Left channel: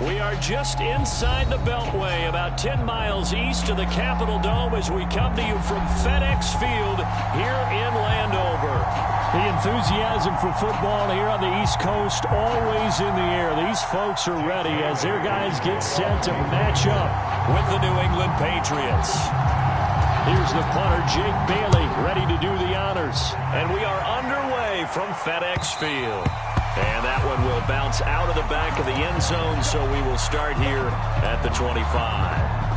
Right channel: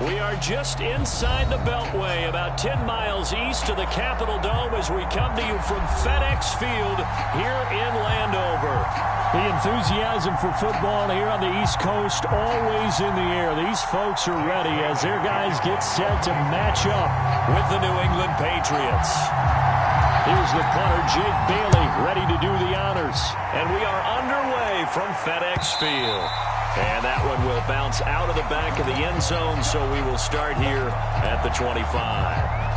We are just inside the Beltway, about 10 miles east of the Capitol Dome as we come to you from FedEx Field here in Landover. The enthusiasm for football here on the East Coast always in the air. These folks are ready as their guys get set to match up with the New England Patriots. Here's the punter, Jake Bailey, ready to do the honors. And we are underway from FedEx Field. And that one will bounce out of the back of the end zone, so we will start here at the 25.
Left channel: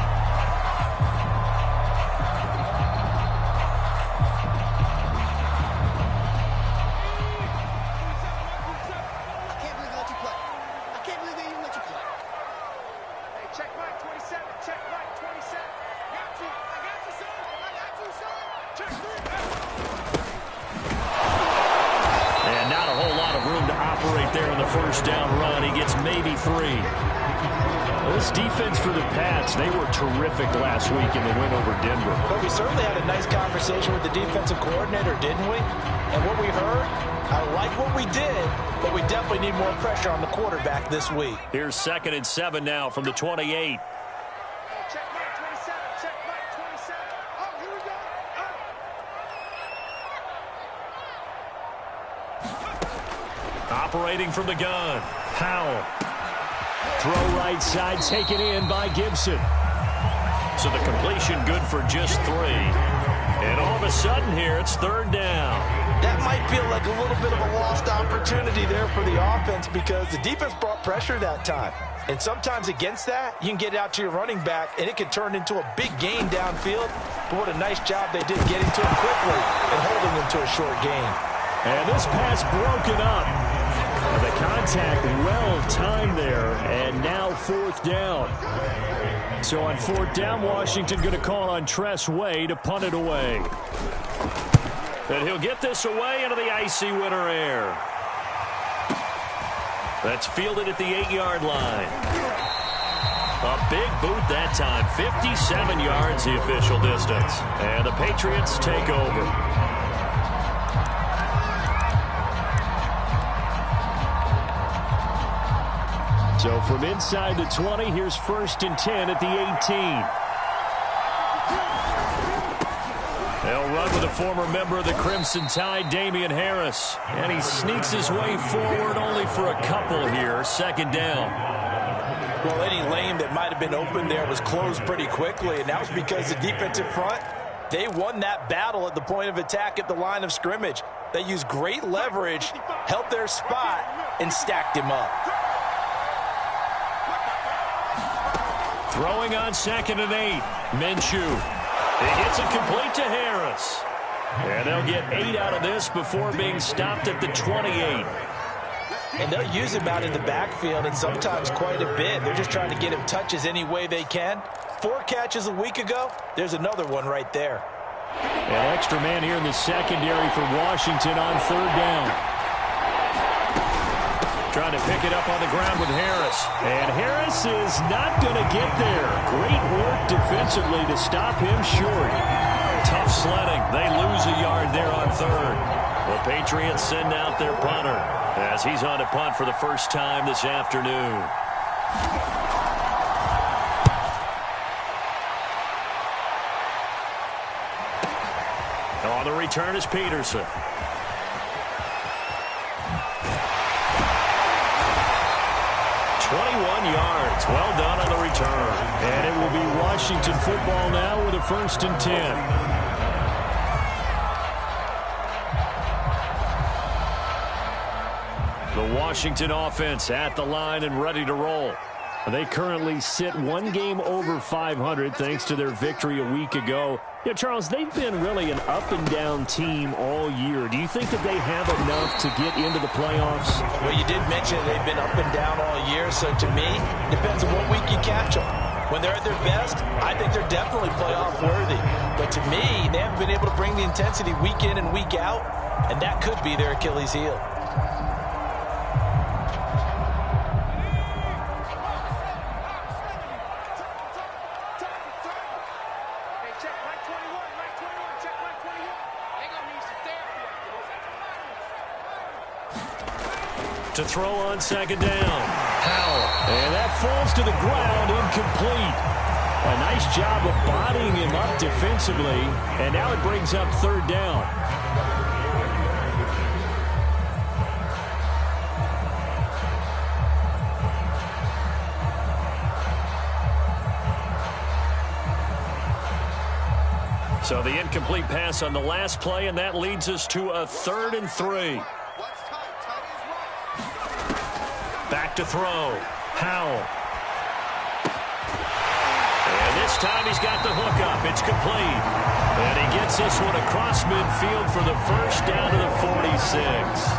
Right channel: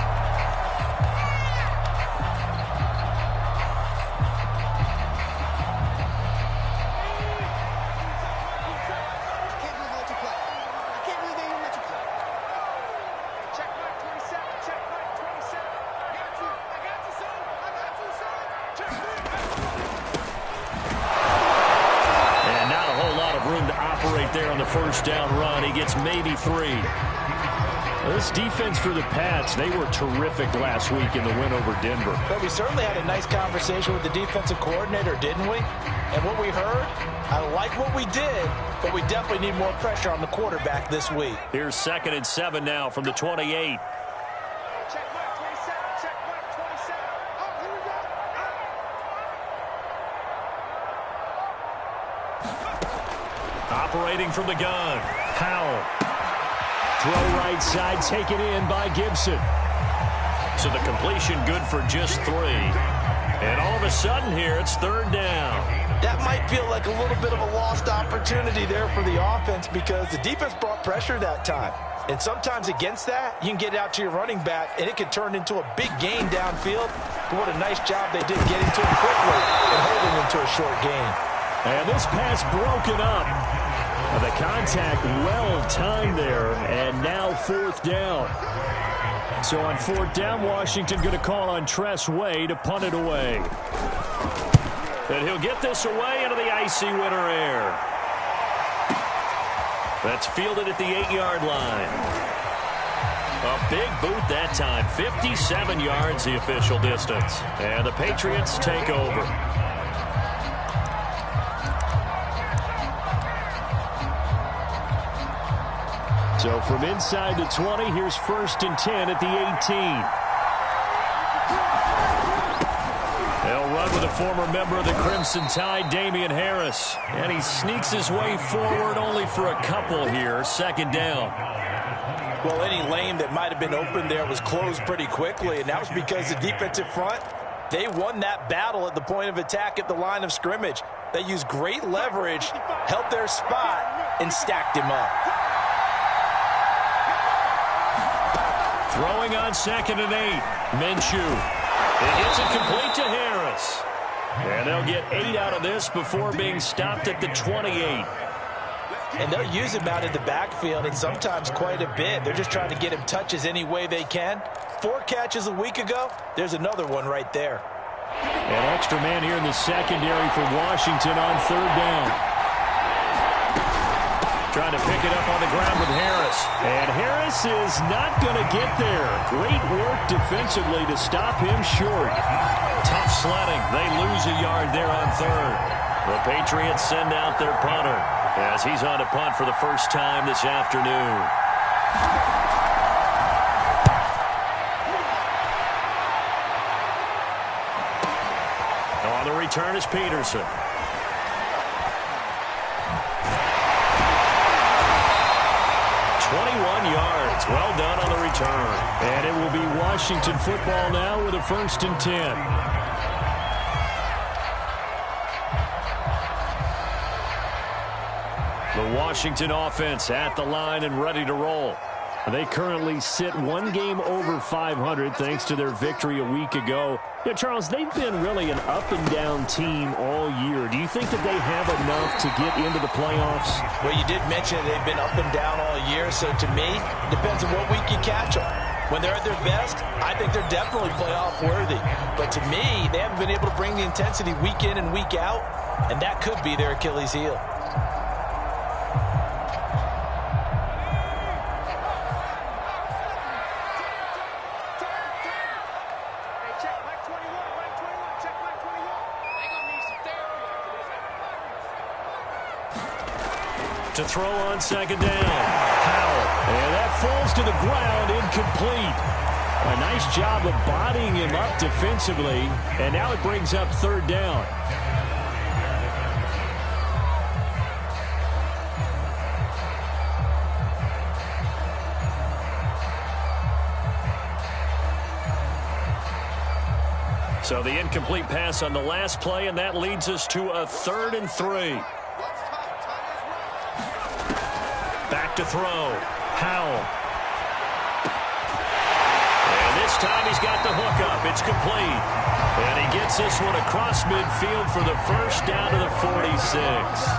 There on the first down run. He gets maybe 3. This defense for the Pats, they were terrific last week in the win over Denver. But we certainly had a nice conversation with the defensive coordinator, didn't we? And what we heard, I like what we did, but we definitely need more pressure on the quarterback this week. Here's 2nd and 7 now from the 28. Operating from the gun, Powell. Throw right side, taken in by Gibson. So the completion good for just 3. And all of a sudden here, it's 3rd down. That might feel like a little bit of a lost opportunity there for the offense because the defense brought pressure that time. And sometimes against that, you can get out to your running back, and it can turn into a big gain downfield. But what a nice job they did getting to him quickly and holding him to a short gain. And this pass broken up. The contact well-timed there, and now 4th down. So on 4th down, Washington going to call on Tress Way to punt it away. And he'll get this away into the icy winter air. That's fielded at the 8-yard line. A big boot that time, 57 yards the official distance. And the Patriots take over. So from inside the 20, here's 1st and 10 at the 18. They'll run with a former member of the Crimson Tide, Damian Harris. And he sneaks his way forward only for a couple here. 2nd down. Well, any lane that might have been open there was closed pretty quickly, and that was because the defensive front, they won that battle at the point of attack at the line of scrimmage. They used great leverage, held their spot, and stacked him up. Throwing on 2nd and 8. Minshew. He hits it complete to Harris. And they'll get 8 out of this before being stopped at the 28. And they'll use him out in the backfield, and sometimes quite a bit. They're just trying to get him touches any way they can. 4 catches a week ago. There's another one right there. An extra man here in the secondary for Washington on 3rd down. Trying to pick it up on the ground with Harris. And Harris is not going to get there. Great work defensively to stop him short. Tough sledding. They lose a yard there on 3rd. The Patriots send out their punter as he's on to punt for the first time this afternoon. On the return is Peterson. 21 yards. Well done on the return. And it will be Washington football now with a 1st and 10. The Washington offense at the line and ready to roll. They currently sit 1 game over 500 thanks to their victory a week ago. Yeah, Charles, they've been really an up-and-down team all year. Do you think that they have enough to get into the playoffs? Well, you did mention they've been up and down all year, so to me, it depends on what week you catch them. When they're at their best, I think they're definitely playoff worthy. But to me, they haven't been able to bring the intensity week in and week out, and that could be their Achilles heel. To throw on second down. Howell. And that falls to the ground, incomplete. A nice job of bodying him up defensively. And now it brings up third down. So the incomplete pass on the last play, and that leads us to a 3rd and 3. Back to throw. Howell. And this time he's got the hook up. It's complete. And he gets this one across midfield for the first down to the 46.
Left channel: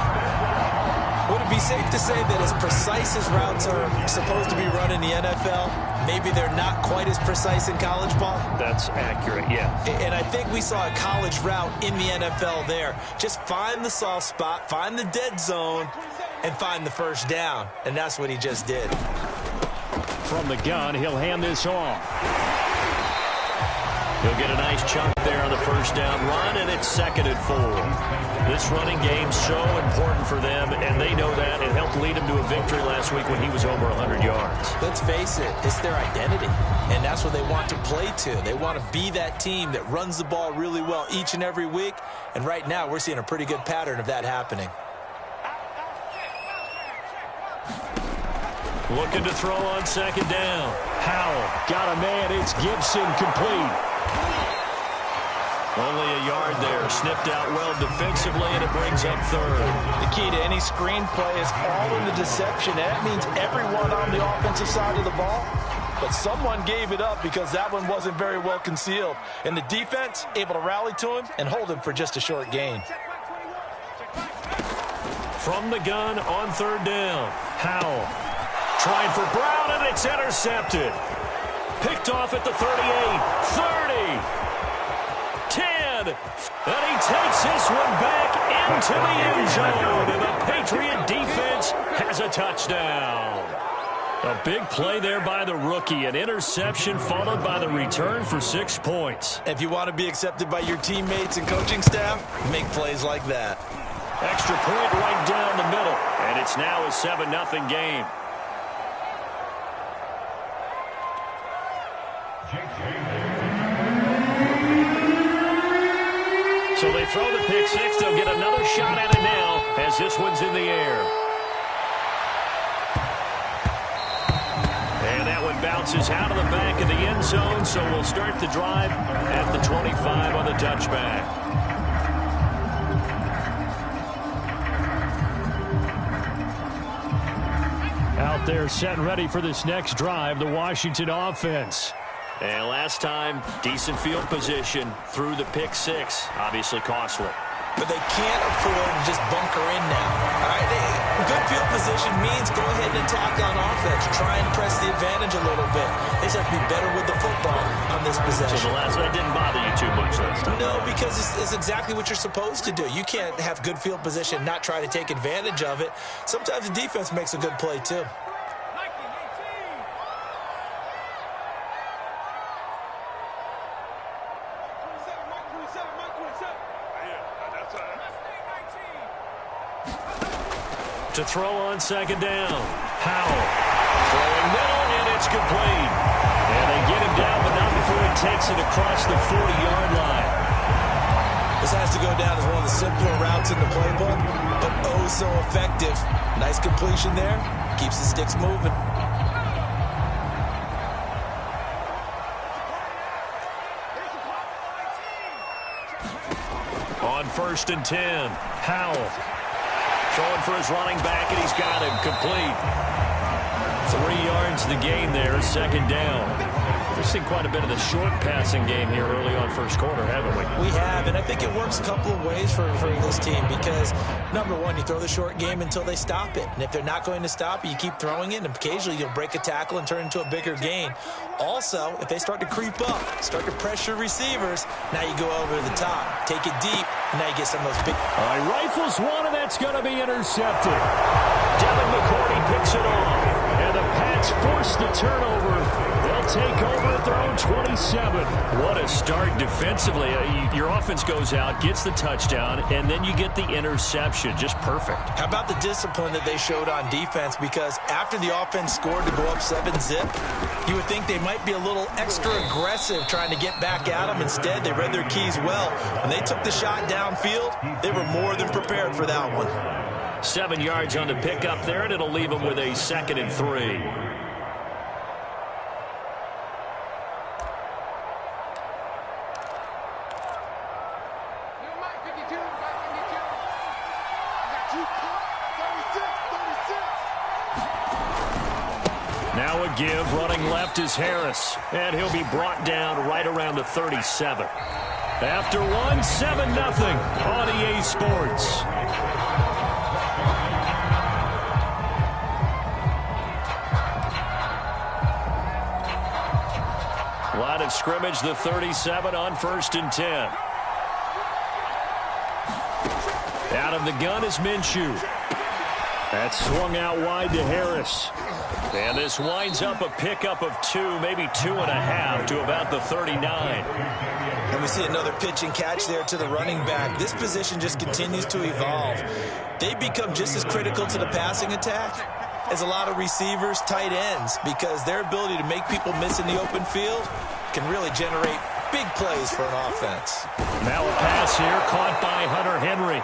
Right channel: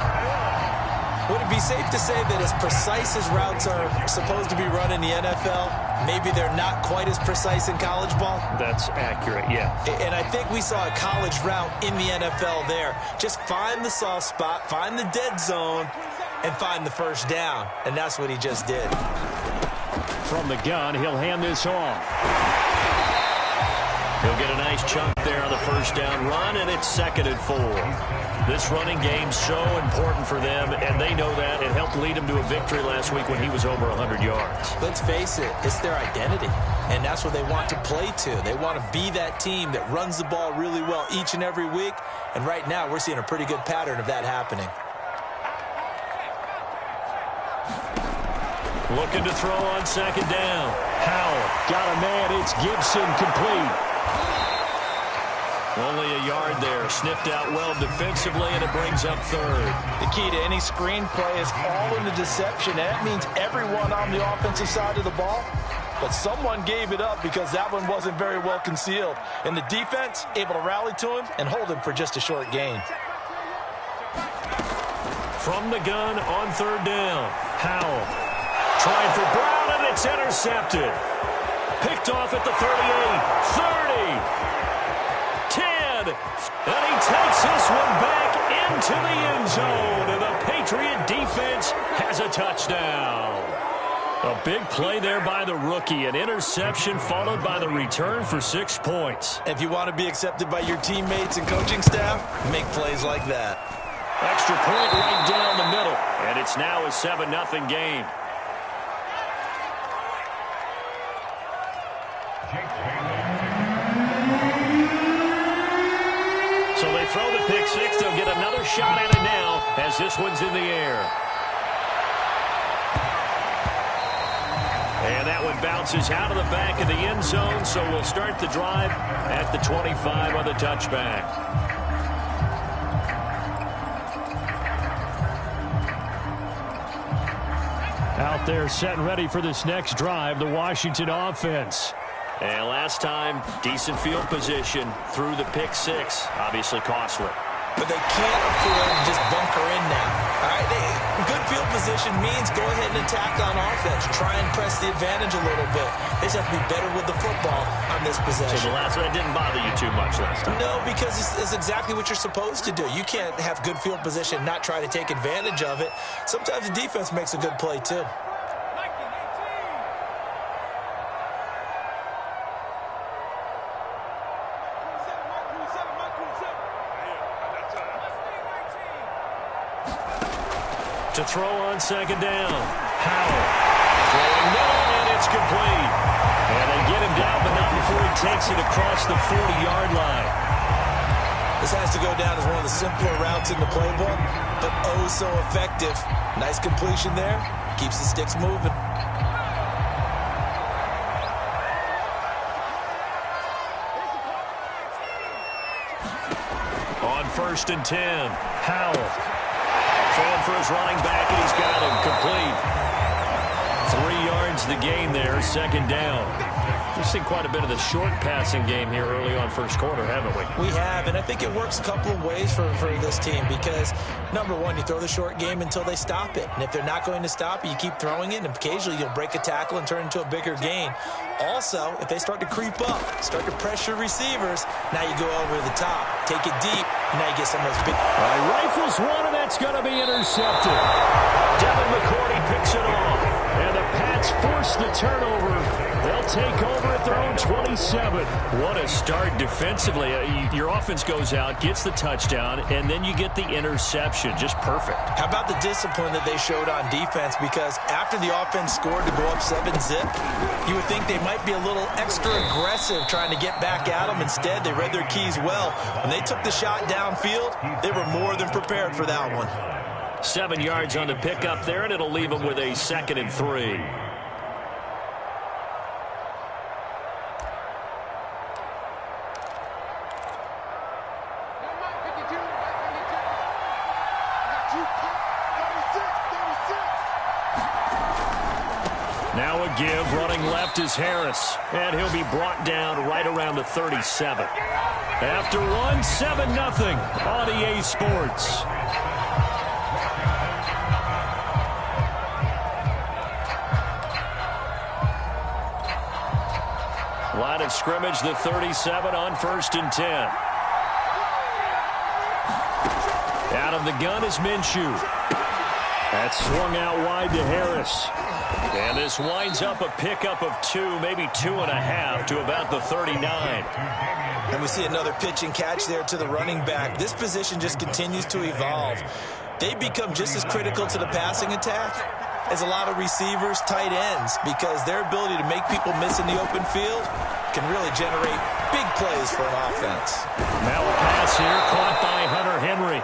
Would it be safe to say that as precise as routes are supposed to be run in the NFL, maybe they're not quite as precise in college ball? That's accurate, yeah. And I think we saw a college route in the NFL there. Just find the soft spot, find the dead zone, and find the first down. And that's what he just did. From the gun, he'll hand this off. He'll get a nice chunk there on the first down run, and it's 2nd and 4. This running game's so important for them, and they know that. It helped lead him to a victory last week when he was over 100 yards. Let's face it, it's their identity, and that's what they want to play to. They want to be that team that runs the ball really well each and every week, and right now we're seeing a pretty good pattern of that happening. Looking to throw on second down. Howell got a man. It's Gibson, complete. Only a yard there. Sniffed out well defensively, and it brings up 3rd. The key to any screen play is all in the deception. That means everyone on the offensive side of the ball. But someone gave it up because that one wasn't very well concealed. And the defense able to rally to him and hold him for just a short gain. From the gun on 3rd down. Howell trying for Brown, and it's intercepted. Picked off at the 38, 30, 10, and he takes this one back into the end zone, and the Patriot defense has a touchdown. A big play there by the rookie, an interception followed by the return for 6 points. If you want to be accepted by your teammates and coaching staff, make plays like that. Extra point right down the middle, and it's now a 7-0 game. So they throw the pick six. They'll get another shot at it now as this one's in the air. And that one bounces out of the back of the end zone, so we'll start the drive at the 25 on the touchback. Out there set and ready for this next drive, the Washington offense. And last time, decent field position through the pick six. Obviously costly. But they can't afford to just bunker in now. All right, good field position means go ahead and attack on offense. Try and press the advantage a little bit. They just have to be better with the football on this possession. So that didn't bother you too much last time? No, because it's exactly what you're supposed to do. You can't have good field position and not try to take advantage of it. Sometimes the defense makes a good play too. To throw on second down. Howell throwing middle, and it's complete. And they get him down, but not before he takes it across the 40-yard line. This has to go down as one of the simpler routes in the playbook, but oh so effective. Nice completion there. Keeps the sticks moving. On 1st and 10, Howell throwing for his running back, and he's got him complete. 3 yards the gain there, second down. We've seen quite a bit of the short passing game here early on first quarter, haven't we? We have, and I think it works a couple of ways for this team because, number one, you throw the short game until they stop it. And if they're not going to stop it, you keep throwing it, and occasionally you'll break a tackle and turn into a bigger gain. Also, if they start to creep up, start to pressure receivers, now you go over the top, take it deep, and now you get some of those big... All right, rifles one, and that's going to be intercepted. Devin McCourty picks it off, and the Pats force the turnover. They'll they'll take over at their own 27. What a start defensively. Your offense goes out, gets the touchdown, and then you get the interception. Just perfect. How about the discipline that they showed on defense? Because after the offense scored to go up 7-zip, you would think they might be a little extra aggressive trying to get back at them. Instead, they read their keys well. When they took the shot downfield, they were more than prepared for that one. 7 yards on the pickup there, and it'll leave them with a 2nd and 3. Now a give, running left is Harris, and he'll be brought down right around the 37. After one, 7-0 on EA Sports. Line of scrimmage, the 37 on 1st and 10. Out of the gun is Minshew. That's swung out wide to Harris. And this winds up a pickup of 2, maybe 2.5 to about the 39. And we see another pitch and catch there to the running back. This position just continues to evolve. They become just as critical to the passing attack as a lot of receivers, tight ends, because their ability to make people miss in the open field can really generate big plays for an offense. Now a pass here caught by Hunter Henry.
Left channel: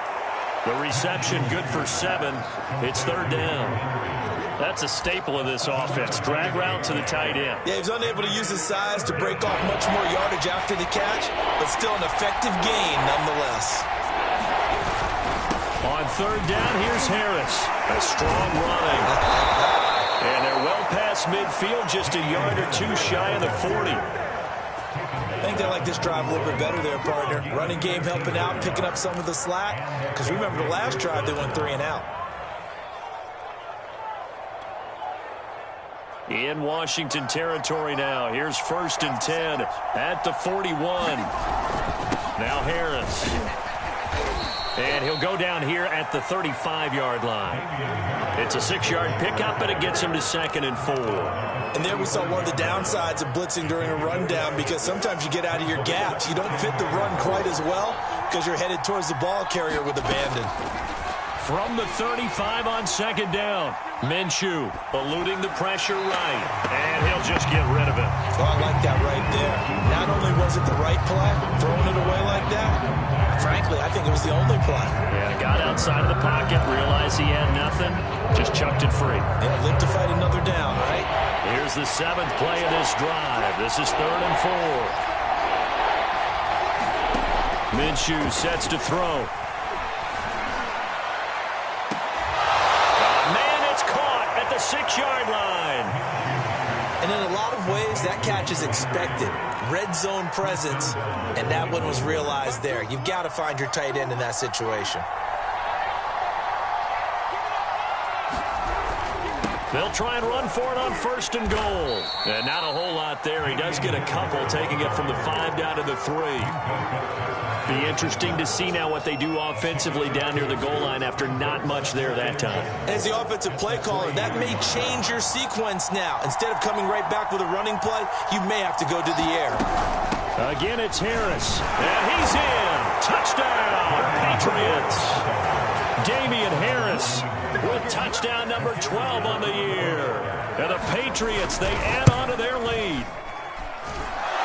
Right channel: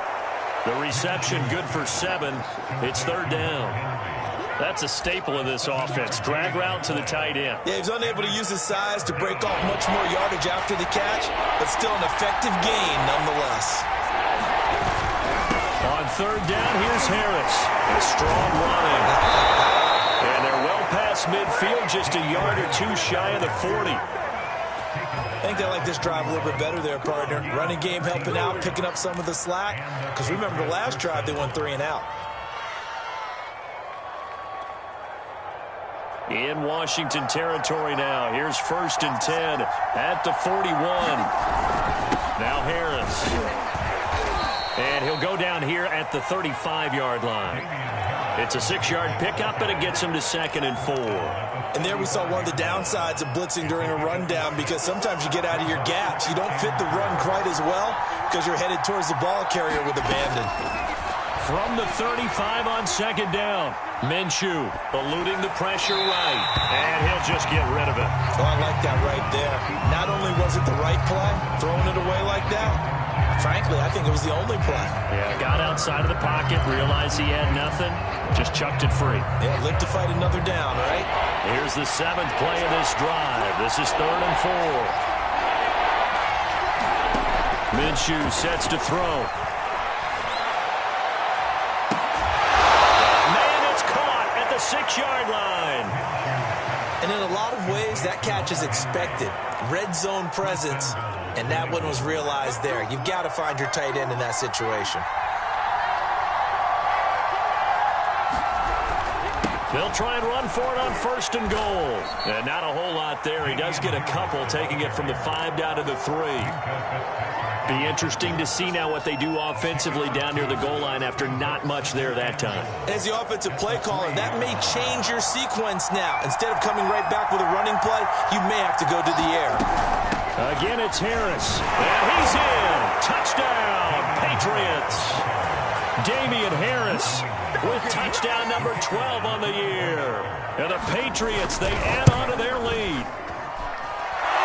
The reception good for 7. It's 3rd down. That's a staple of this offense. Drag route to the tight end. Yeah, he was unable to use his size to break off much more yardage after the catch, but still an effective gain nonetheless. On 3rd down, here's Harris. A strong running. And they're well past midfield, just a yard or 2 shy of the 40. I think they like this drive a little bit better there, partner. Running game helping out, picking up some of the slack. Because remember the last drive, they went 3 and out. In Washington territory now. Here's 1st and 10 at the 41. Now Harris. And he'll go down here at the 35-yard line. It's a 6-yard pickup, and it gets him to 2nd and 4. And there we saw one of the downsides of blitzing during a rundown, because sometimes you get out of your gaps. You don't fit the run quite as well because you're headed towards the ball carrier with abandon. From the 35 on 2nd down, Minshew eluding the pressure right, and he'll just get rid of it. Oh, I like that right there. Not only was it the right play, throwing it away like that, frankly, I think it was the only play. Yeah, got outside of the pocket, realized he had nothing, just chucked it free. Yeah, live to fight another down, right? Here's the 7th play of this drive. This is 3rd and 4. Minshew sets to throw. Man, it's caught at the 6-yard line. And in a lot of ways, that catch is expected. Red zone presence, and that one was realized there. You've got to find your tight end in that situation. They'll try and run for it on 1st and goal. And not a whole lot there. He does get a couple, taking it from the 5 down to the 3. Be interesting to see now what they do offensively down near the goal line after not much there that time. As the offensive play caller, that may change your sequence now. Instead of coming right back with a running play, you may have to go to the air. Again, it's Harris. And he's in. Touchdown, Patriots. Damian Harris with touchdown number 12 on the year. And the Patriots, they add on to their lead.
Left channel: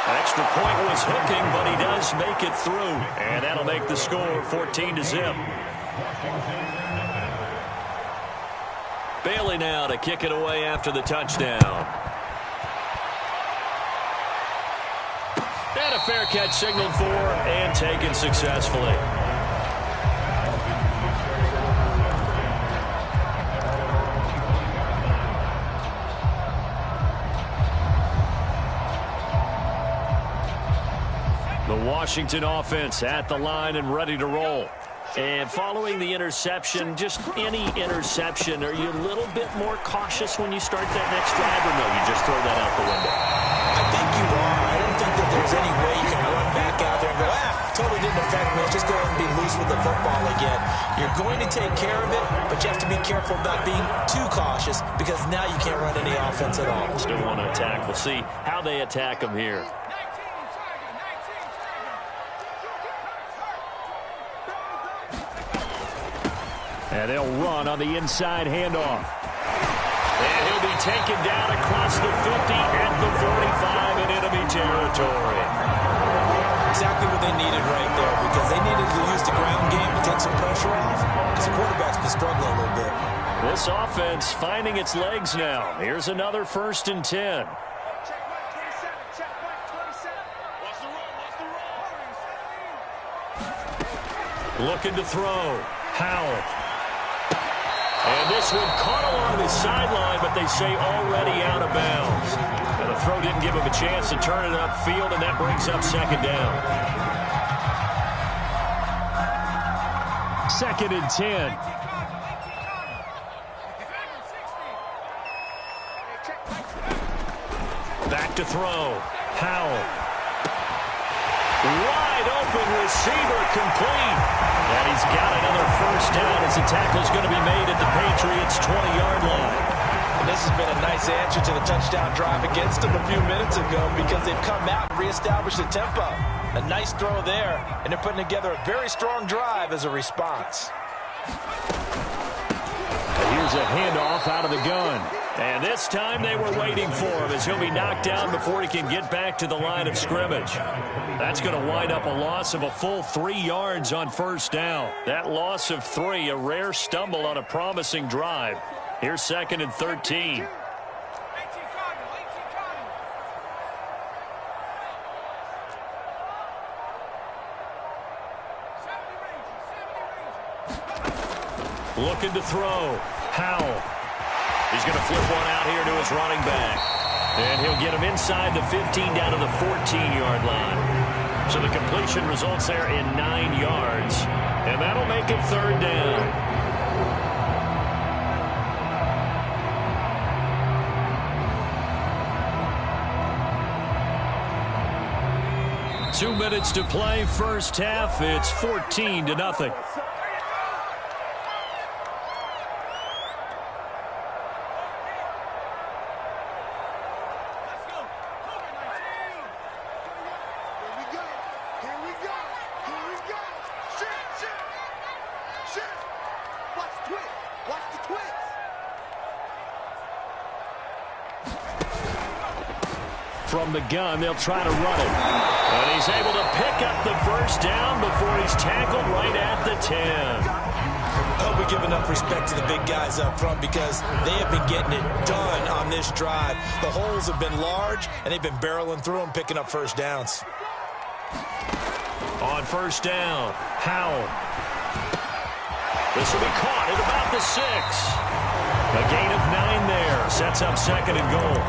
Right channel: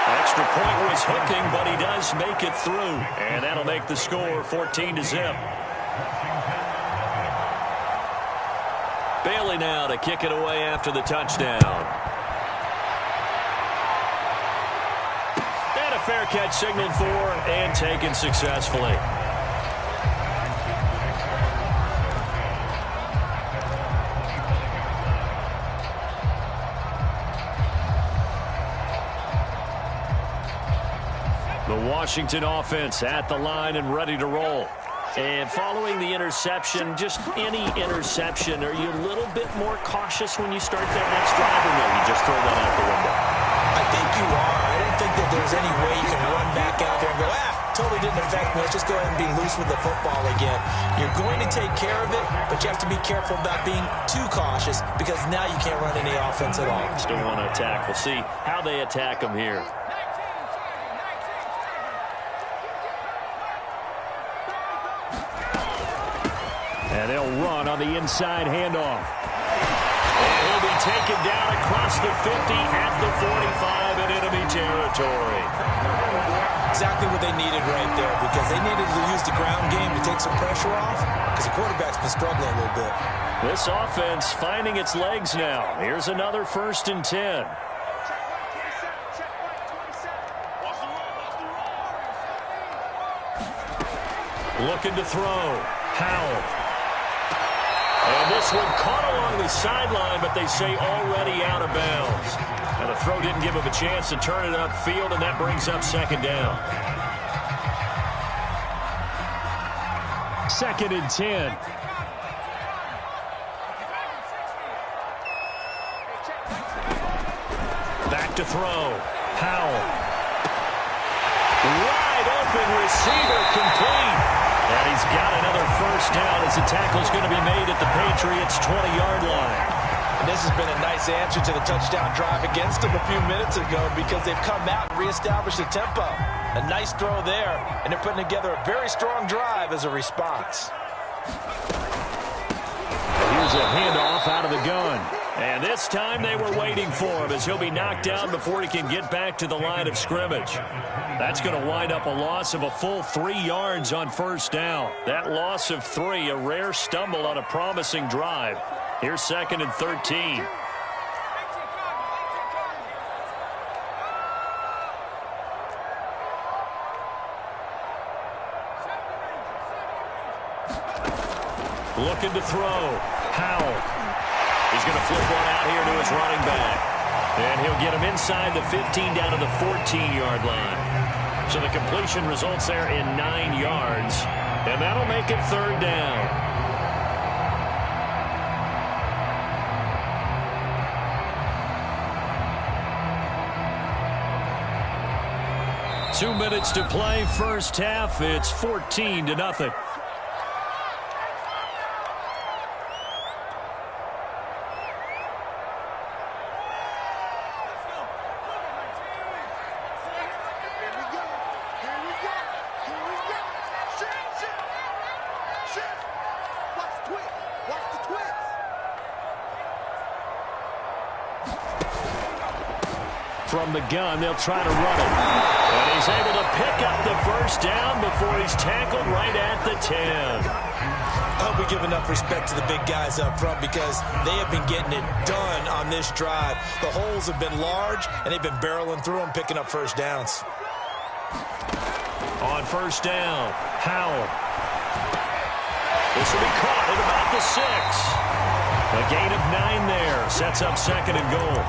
Extra point was hooking, but he does make it through. And that'll make the score 14-0. Bailey now to kick it away after the touchdown. And a fair catch signaled for and taken successfully. The Washington offense at the line and ready to roll. And following the interception, just any interception, are you a little bit more cautious when you start that next drive, or no, you just throw that out the window? I think you are. I don't think that there's any way you can run back out there and go, totally didn't affect man, is just go ahead and be loose with the football again. You're going to take care of it, but you have to be careful about being too cautious because now you can't run any offense at all. Still want to attack. We'll see how they attack them here. And they'll run on the inside handoff. And he'll be taken down across the 50 at the 45 in enemy territory. Exactly what they needed right there, because they needed to use the ground game to take some pressure off, because the quarterback's been struggling a little bit. This offense finding its legs now. Here's another 1st and 10. Looking to throw. Howell. And this one caught along the sideline, but they say already out of bounds. And the throw didn't give him a chance to turn it upfield, and that brings up 2nd down. 2nd and 10. Back to throw. Howell. Wide open receiver, complete. And he's got another 1st down as the tackle's going to be made at the Patriots' 20-yard line. And this has been a nice answer to the touchdown drive against them a few minutes ago, because they've come out and reestablished the tempo. A nice throw there, and they're putting together a very strong drive as a response. And here's a handoff out of the gun. And this time they were waiting for him, as he'll be knocked down before he can get back to the line of scrimmage. That's going to wind up a loss of a full 3 yards on 1st down. That loss of 3, a rare stumble on a promising drive. Here's 2nd and 13. Looking to throw. Howell. He's going to flip one out here to his running back. And he'll get him inside the 15 down to the 14-yard line. So the completion results there in 9 yards. And that'll make it 3rd down. Two minutes to play, 1st half. It's 14-0. From the gun, they'll try to run it. And he's able to pick up the 1st down before he's tackled right at the 10. I hope we give enough respect to the big guys up front, because they have been getting it done on this drive. The holes have been large, and they've been barreling through them, picking up 1st downs. On 1st down, Howell. This will be caught at about the 6. A gain of 9 there. Sets up 2nd and goal.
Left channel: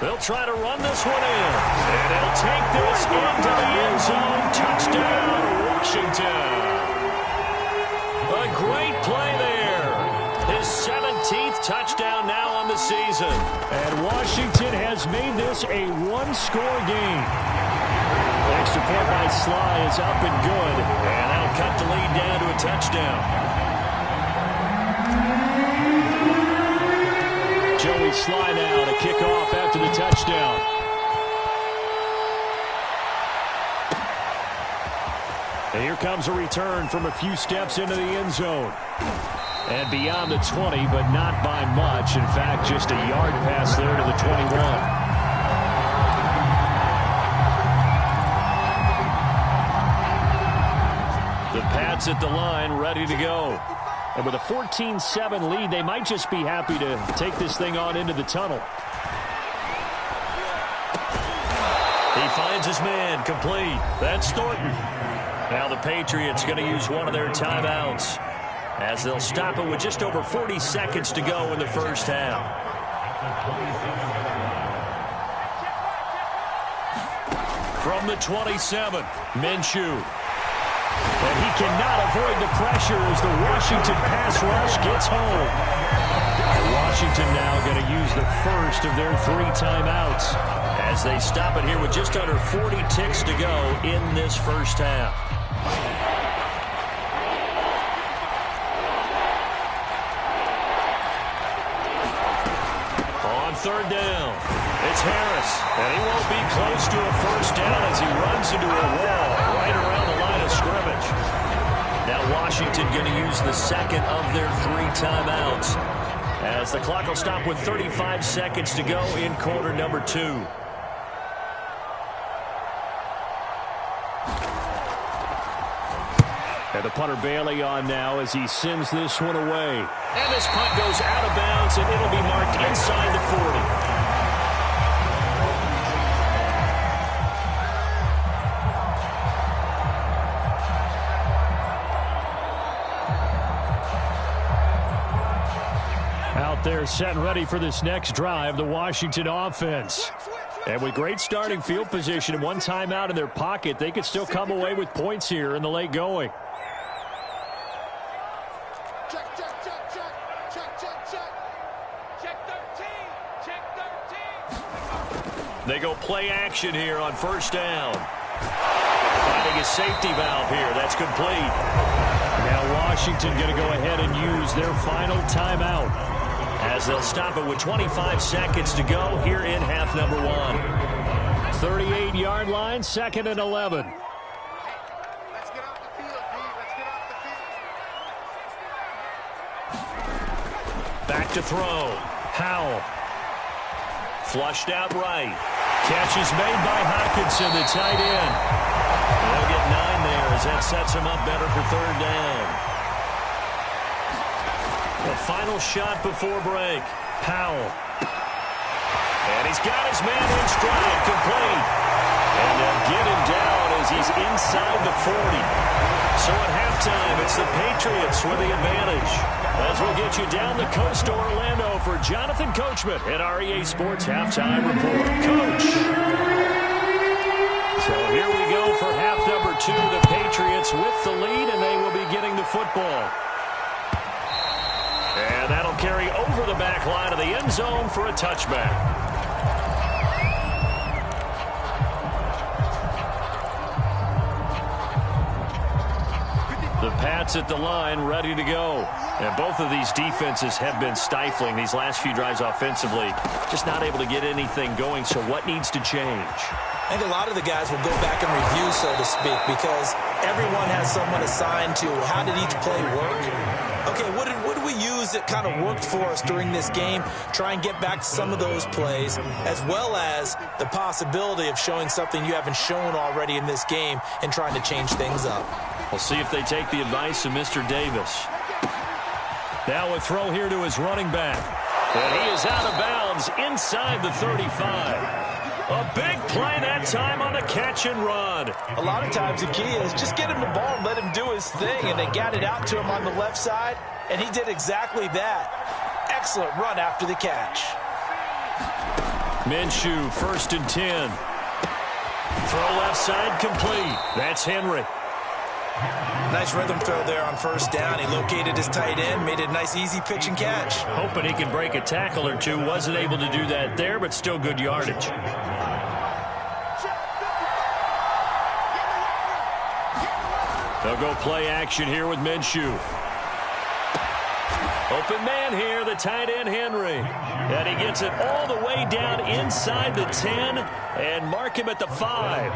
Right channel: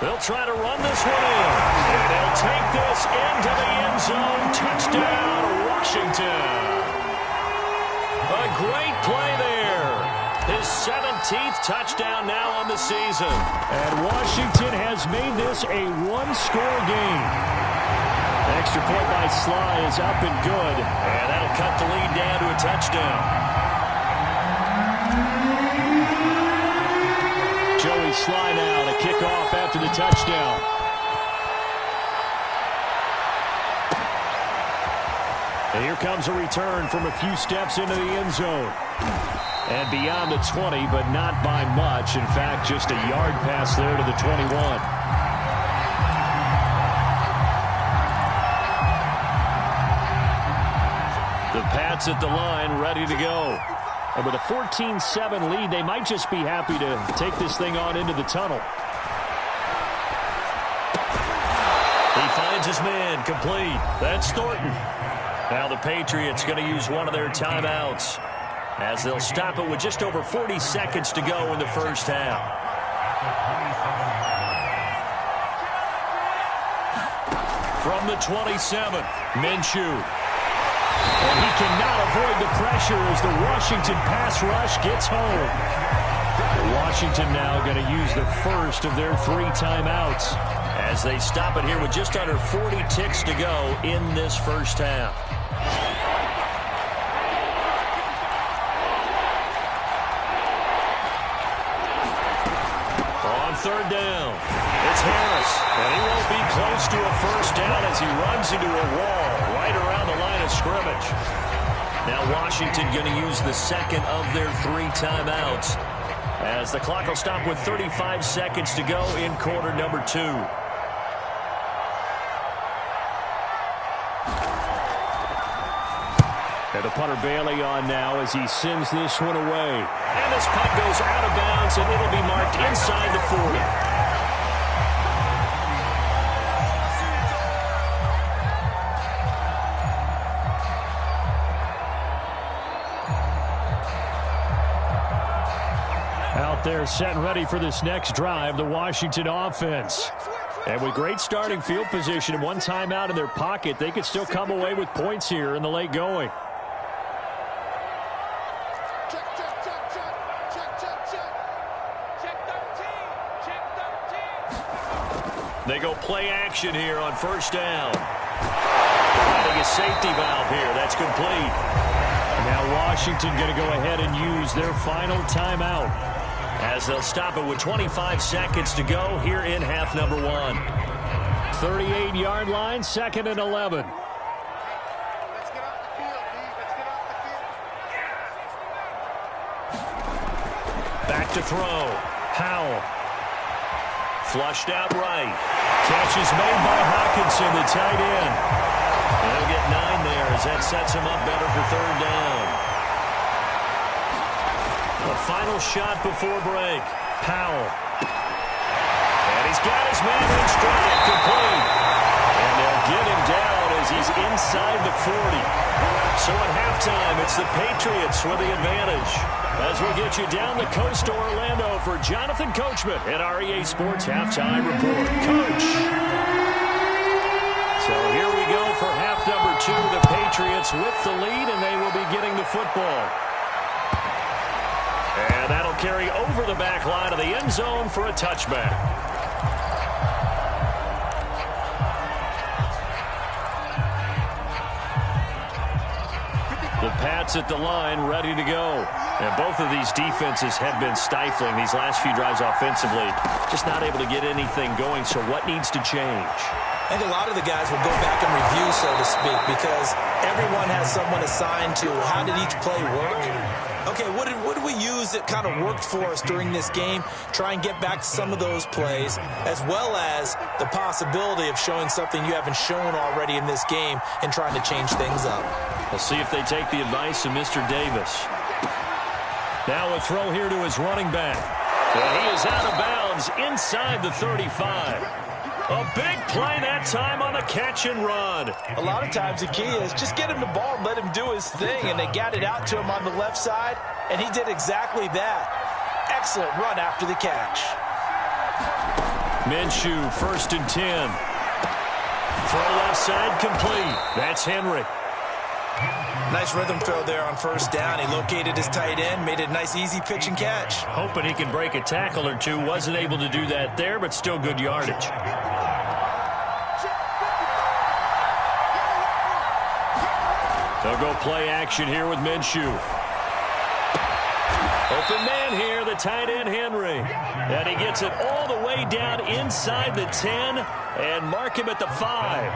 They'll try to run this one in. And they'll take this into the end zone. Touchdown, Washington. A great play there. His 17th touchdown now on the season. And Washington has made this a one-score game. The extra point by Sly is up and good. And that'll cut the lead down to a touchdown. Joey Sly now to kick off after the touchdown. And here comes a return from a few steps into the end zone. And beyond the 20, but not by much. In fact, just a yard pass there to the 21. The Pats at the line, ready to go. And with a 14-7 lead, they might just be happy to take this thing on into the tunnel. He finds his man, complete. That's Thornton. Now the Patriots going to use one of their timeouts as they'll stop it with just over 40 seconds to go in the first half. From the 27, Minshew. And he cannot avoid the pressure as the Washington pass rush gets home. Washington now going to use the first of their 3 timeouts as they stop it here with just under 40 ticks to go in this first half. On third down, it's Harris, and he won't be close to a first down as he runs into a wall right around the line of scrimmage. Now Washington going to use the second of their 3 timeouts as the clock will stop with 35 seconds to go in quarter number 2. And the punter Bailey on now as he sends this one away. And this punt goes out of bounds, and it'll be marked inside the 40. Out there set and ready for this next drive, the Washington offense. And with great starting field position and 1 timeout in their pocket, they could still come away with points here in the late going. They go play action here on first down. Finding a safety valve here. That's complete. Now Washington going to go ahead and use their final timeout as they'll stop it with 25 seconds to go here in half number 1. 38-yard line, 2nd and 11. Let's get off the field, D. Let's get off the field. Back to throw. Howell. Flushed out right. Catch is made by Hockenson, the tight end. They'll get 9 there as that sets him up better for third down. The final shot before break. Howell. And he's got his man in stride, complete. And they'll get him down as he's inside the 40. So at halftime, it's the Patriots with the advantage. As we'll get you down the coast to Orlando for Jonathan Coachman at our EA Sports Halftime Report. Coach. So here we go for half number 2. The Patriots with the lead, and they will be getting the football. And that'll carry over the back line of the end zone for a touchback. The Pats at the line, ready to go. And both of these defenses have been stifling these last few drives offensively. Just not able to get anything going, so what needs to change? I think a lot of the guys will go back and review, so to speak, because everyone has someone assigned to how did each play work. Okay, what did we use that kind of worked for us during this game? Try and get back to some of those plays, as well as the possibility of showing something you haven't shown already in this game and trying to change things up. We'll see if they take the advice of Mr. Davis. Now a throw here to his running back. And he is out of bounds inside the 35. A big play that time on a catch and run. A lot of times the key is just get him the ball and let him do his thing, and they got it out to him on the left side, and he did exactly that. Excellent run after the catch. Minshew, 1st and 10. Throw left side, complete. That's Henry. Nice rhythm throw there on first down. He located his tight end, made it a nice easy pitch and catch. Hoping he can break a tackle or two. Wasn't able to do that there, but still good yardage. They'll go play action here with Minshew. Open man here, the tight end Henry. And he gets it all the way down inside the 10 and mark him at the 5.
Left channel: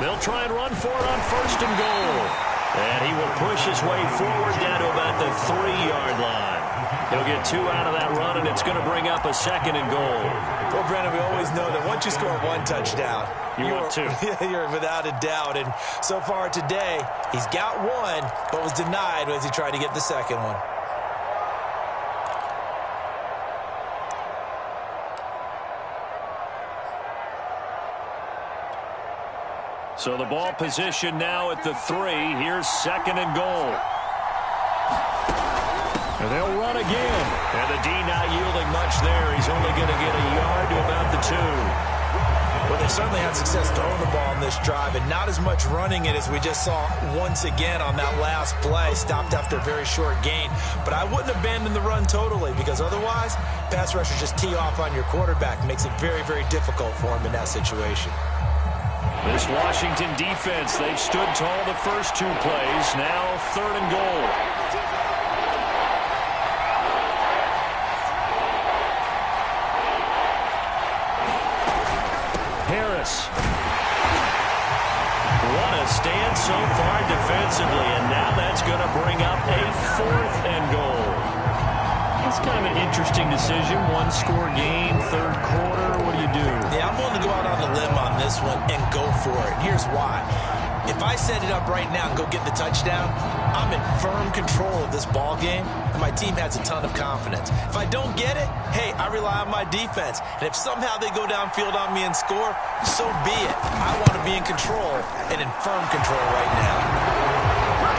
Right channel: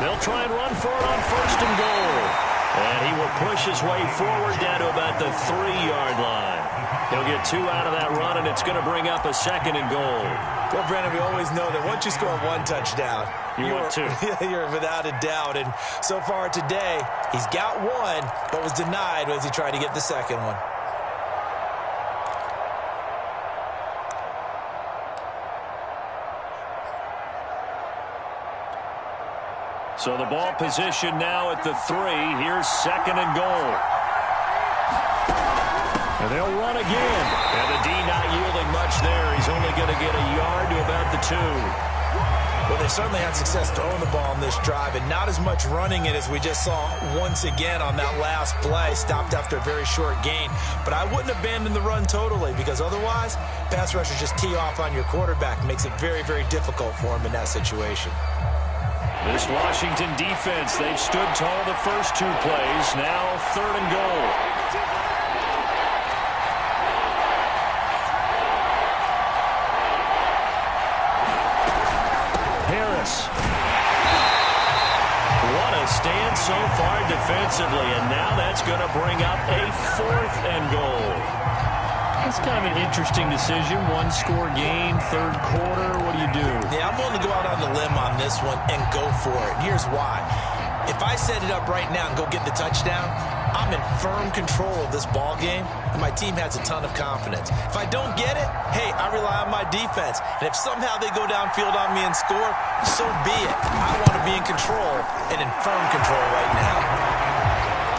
They'll try and run for it on 1st and goal. And he will push his way forward down to about the 3-yard line. He'll get 2 out of that run, and it's going to bring up a 2nd and goal. Well, Brandon, we always know that once you score 1 touchdown, you want 2. You're without a doubt. And so far today, he's got 1, but was denied as he tried to get the 2nd one. So the ball position now at the 3. Here's 2nd and goal. And they'll run again. And the D not yielding much there. He's only going to get a yard to about the 2. Well, they certainly had success throwing the ball on this drive, and not as much running it as we just saw once again on that last play. Stopped after a very short gain. But I wouldn't abandon the run totally, because otherwise, pass rushers just tee off on your quarterback. Makes it very, very difficult for him in that situation. This Washington defense, they've stood tall the first 2 plays. Now 3rd and goal. Harris. What a stand so far defensively, and now that's going to bring up a 4th and goal. It's kind of an interesting decision. 1-score game, 3rd quarter. What do you do? Yeah, I'm willing to go out on the limb on this one and go for it. Here's why. If I set it up right now and go get the touchdown, I'm in firm control of this ball game, and my team has a ton of confidence. If I don't get it, hey, I rely on my defense. And if somehow they go downfield on me and score, so be it. I want to be in control and in firm control right now.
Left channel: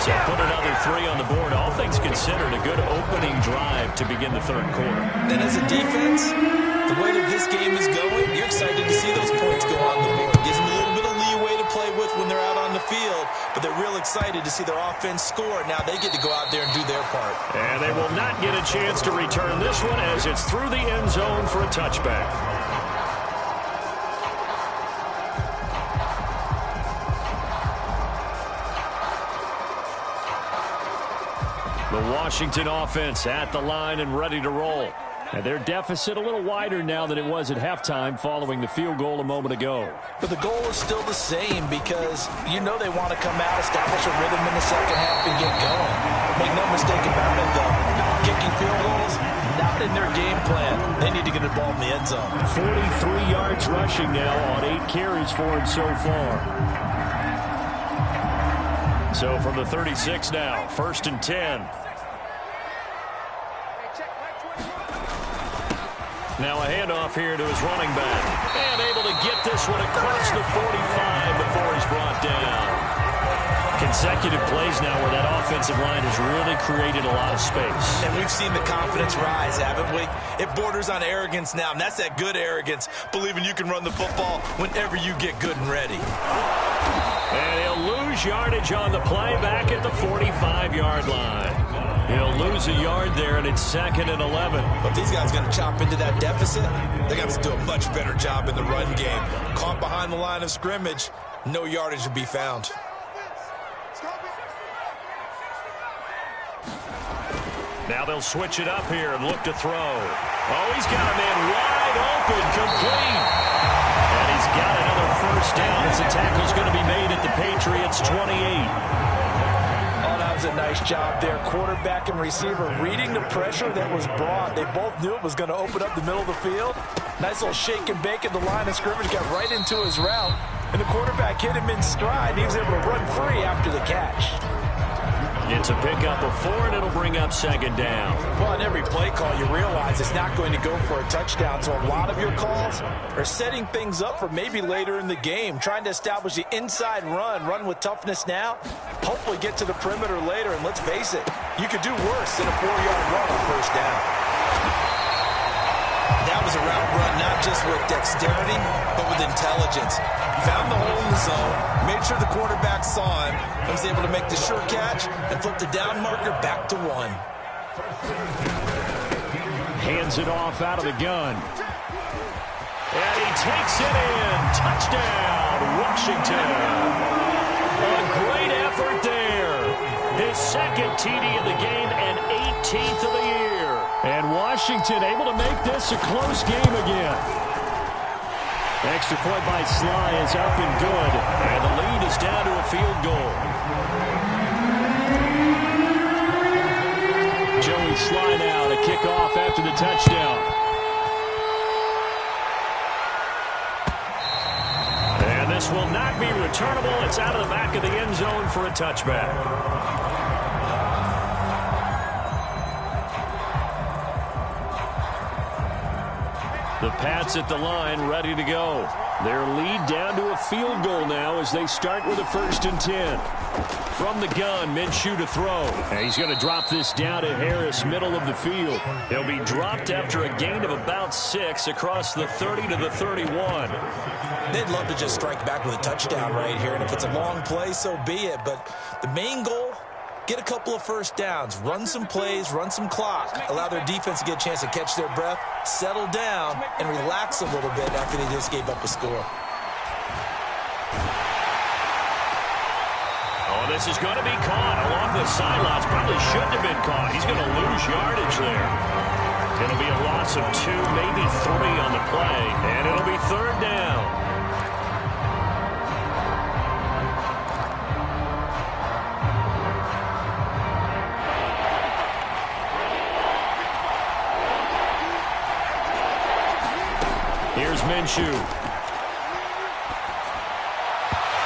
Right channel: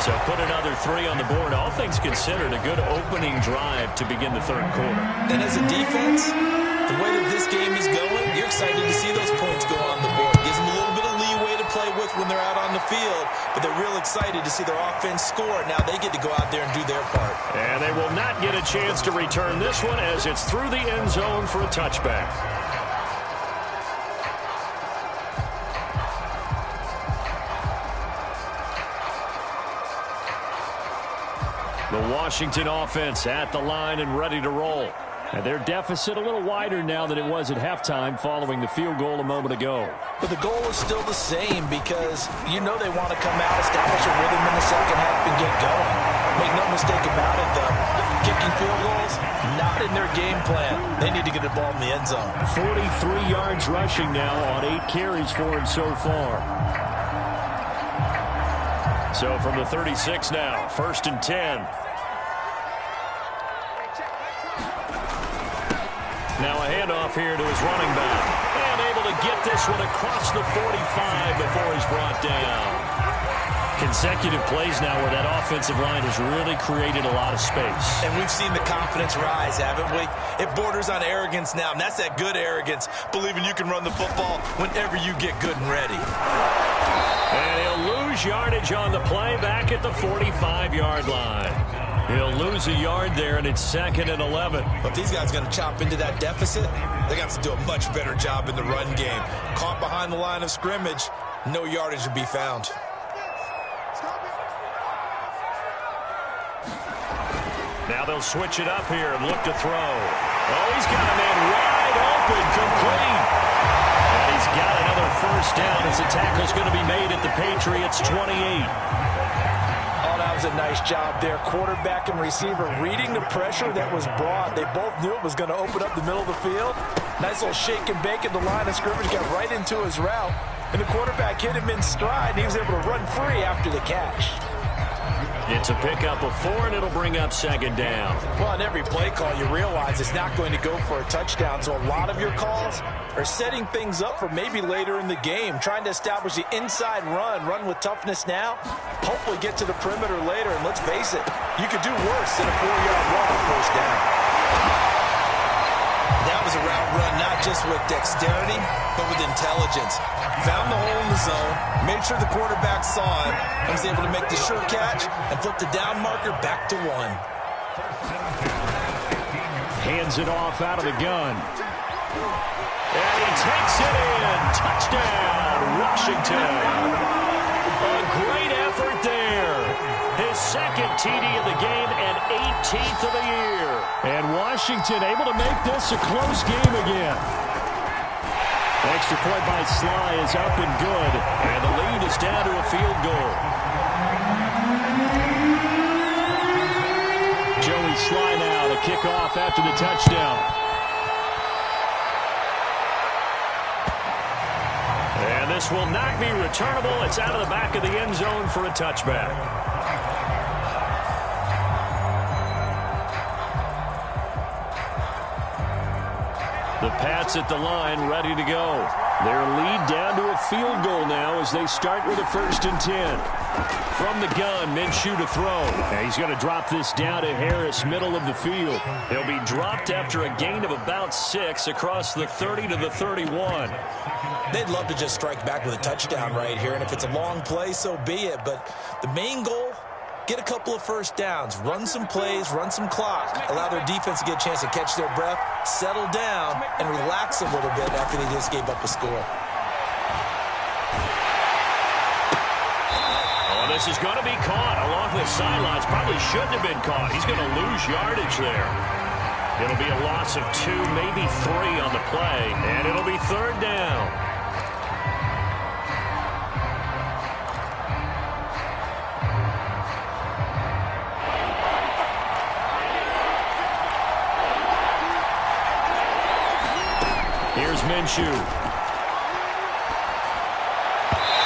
So put another 3 on the board. All things considered, a good opening drive to begin the 3rd quarter. And as a defense, the way that this game is going, you're excited to see those points go on the board. Gives them a little bit of leeway to play with when they're out on the field, but they're real excited to see their offense score. Now they get to go out there and do their part. And they will not get a chance to return this one as it's through the end zone for a touchback. The Washington offense at the line and ready to roll. And their deficit a little wider now than it was at halftime following the field goal a moment ago. But the goal is still the same because you know they want to come out, establish a rhythm in the second half, and get going. Make no mistake about it, though. Kicking field goals, not in their game plan. They need to get the ball in the end zone. 43 yards rushing now on 8 carries for him so far. So from the 36 now, 1st and 10. Now a handoff here to his running back. And able to get this one across the 45 before he's brought down. Consecutive plays now where that offensive line has really created a lot of space. And we've seen the confidence rise, haven't we? It borders on arrogance now, and that's that good arrogance, believing you can run the football whenever you get good and ready. And he'll lose yardage on the play back at the 45-yard line. He'll lose a yard there, and it's 2nd and 11. But if these guys are going to chop into that deficit, they're going to have to do a much better job in the run game. Caught behind the line of scrimmage, no yardage to be found. Now they'll switch it up here and look to throw. Oh, he's got a man wide open, complete. And he's got another 1st down as the tackle's going to be made at the Patriots' 28. Oh, that was a nice job there. Quarterback and receiver reading the pressure that was brought. They both knew it was going to open up the middle of the field. Nice little shake and bake at the line of scrimmage. Got right into his route. And the quarterback hit him in stride. And he was able to run free after the catch. It's a pickup of 4, and it'll bring up 2nd down. Well, on every play call, you realize it's not going to go for a touchdown. So a lot of your calls are setting things up for maybe later in the game, trying to establish the inside run with toughness now, hopefully get to the perimeter later. And let's face it, you could do worse than a 4-yard run on 1st down. That was a route run not just with dexterity, but with intelligence. Found the hole in the zone, made sure the quarterback saw him, and was able to make the sure catch and flip the down marker back to 1. Hands it off out of the gun. And he takes it in. Touchdown, Washington. A great effort there. His 2nd TD of the game and 18th of the year. And Washington able to make this a close game again. Extra point by Sly is up and good. And the lead is down to a field goal. baseline now to kick off after the touchdown. And this will not be returnable. It's out of the back of the end zone for a touchback. The Pats at the line, ready to go. Their lead down to a field goal now as they start with a 1st and 10. From the gun, Minshew to throw. And he's going to drop this down to Harris, middle of the field. He'll be dropped after a gain of about 6 across the 30 to the 31. They'd love to just strike back with a touchdown right here, and if it's a long play, so be it. But the main goal, get a couple of first downs, run some plays, run some clock, allow their defense to get a chance to catch their breath, settle down, and relax a little bit after they just gave up a score. Oh, this is going to be caught along the sidelines. Probably shouldn't have been caught. He's going to lose yardage there. It'll be a loss of 2, maybe 3 on the play, and it'll be 3rd down. Here's Minshew.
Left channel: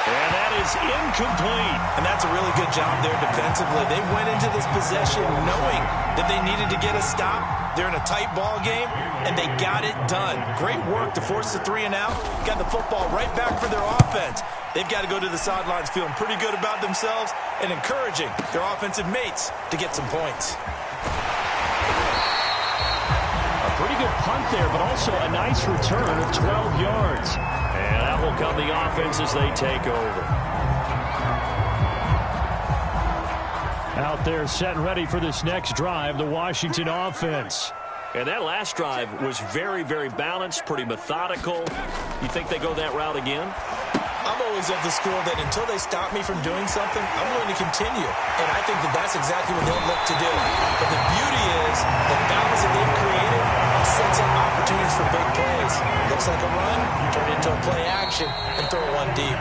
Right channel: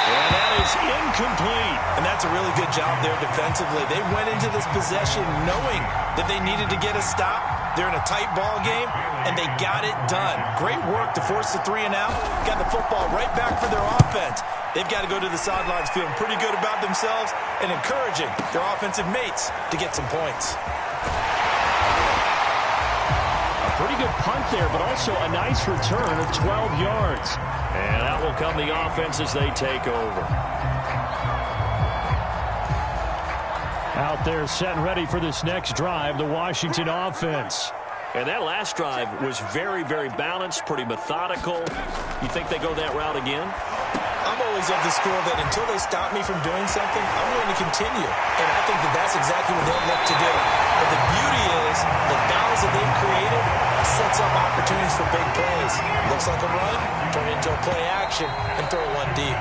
And that is incomplete. And that's a really good job there defensively. They went into this possession knowing that they needed to get a stop. They're in a tight ball game, and they got it done. Great work to force the 3 and out. Got the football right back for their offense. They've got to go to the sidelines feeling pretty good about themselves and encouraging their offensive mates to get some points. Pretty good punt there, but also a nice return of 12 yards. And out will come the offense as they take over. Out there set and ready for this next drive, the Washington offense. And that last drive was very, very balanced, pretty methodical. You think they go that route again? I'm always of the school that until they stop me from doing something, I'm going to continue. And I think that that's exactly what they'll look to do. But the beauty is the balance that they've created sets up opportunities for big plays. Looks like a run, turn it into a play action, and throw one deep.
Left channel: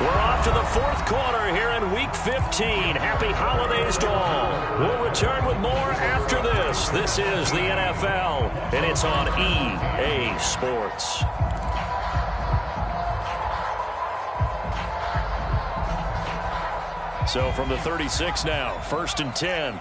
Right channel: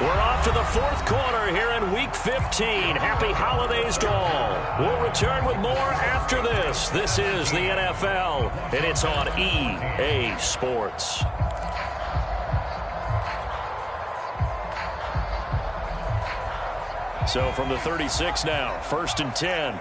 We're off to the 4th quarter here in Week 15. Happy holidays to all. We'll return with more after this. This is the NFL, and it's on EA Sports. So from the 36 now, 1st and 10.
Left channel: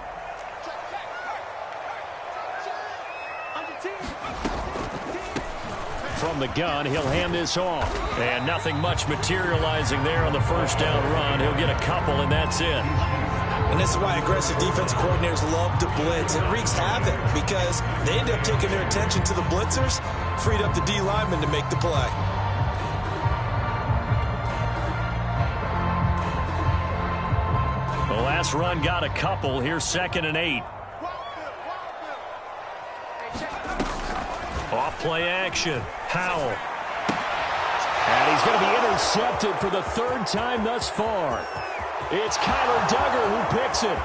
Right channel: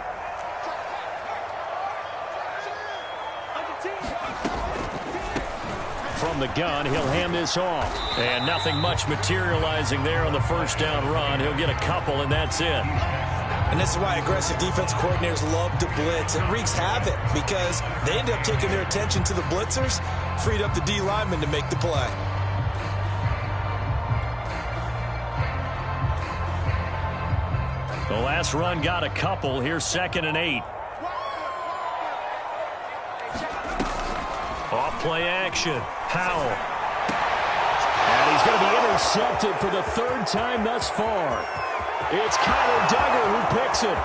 From the gun, he'll hand this off. And nothing much materializing there on the 1st down run. He'll get a couple, and that's it. And this is why aggressive defense coordinators love to blitz. It wreaks havoc because they end up taking their attention to the blitzers, freed up the D lineman to make the play. The last run got a couple. Here's 2nd and 8. Off play action. Howell. And he's going to be intercepted for the 3rd time thus far. It's Kyler Duggar who picks it.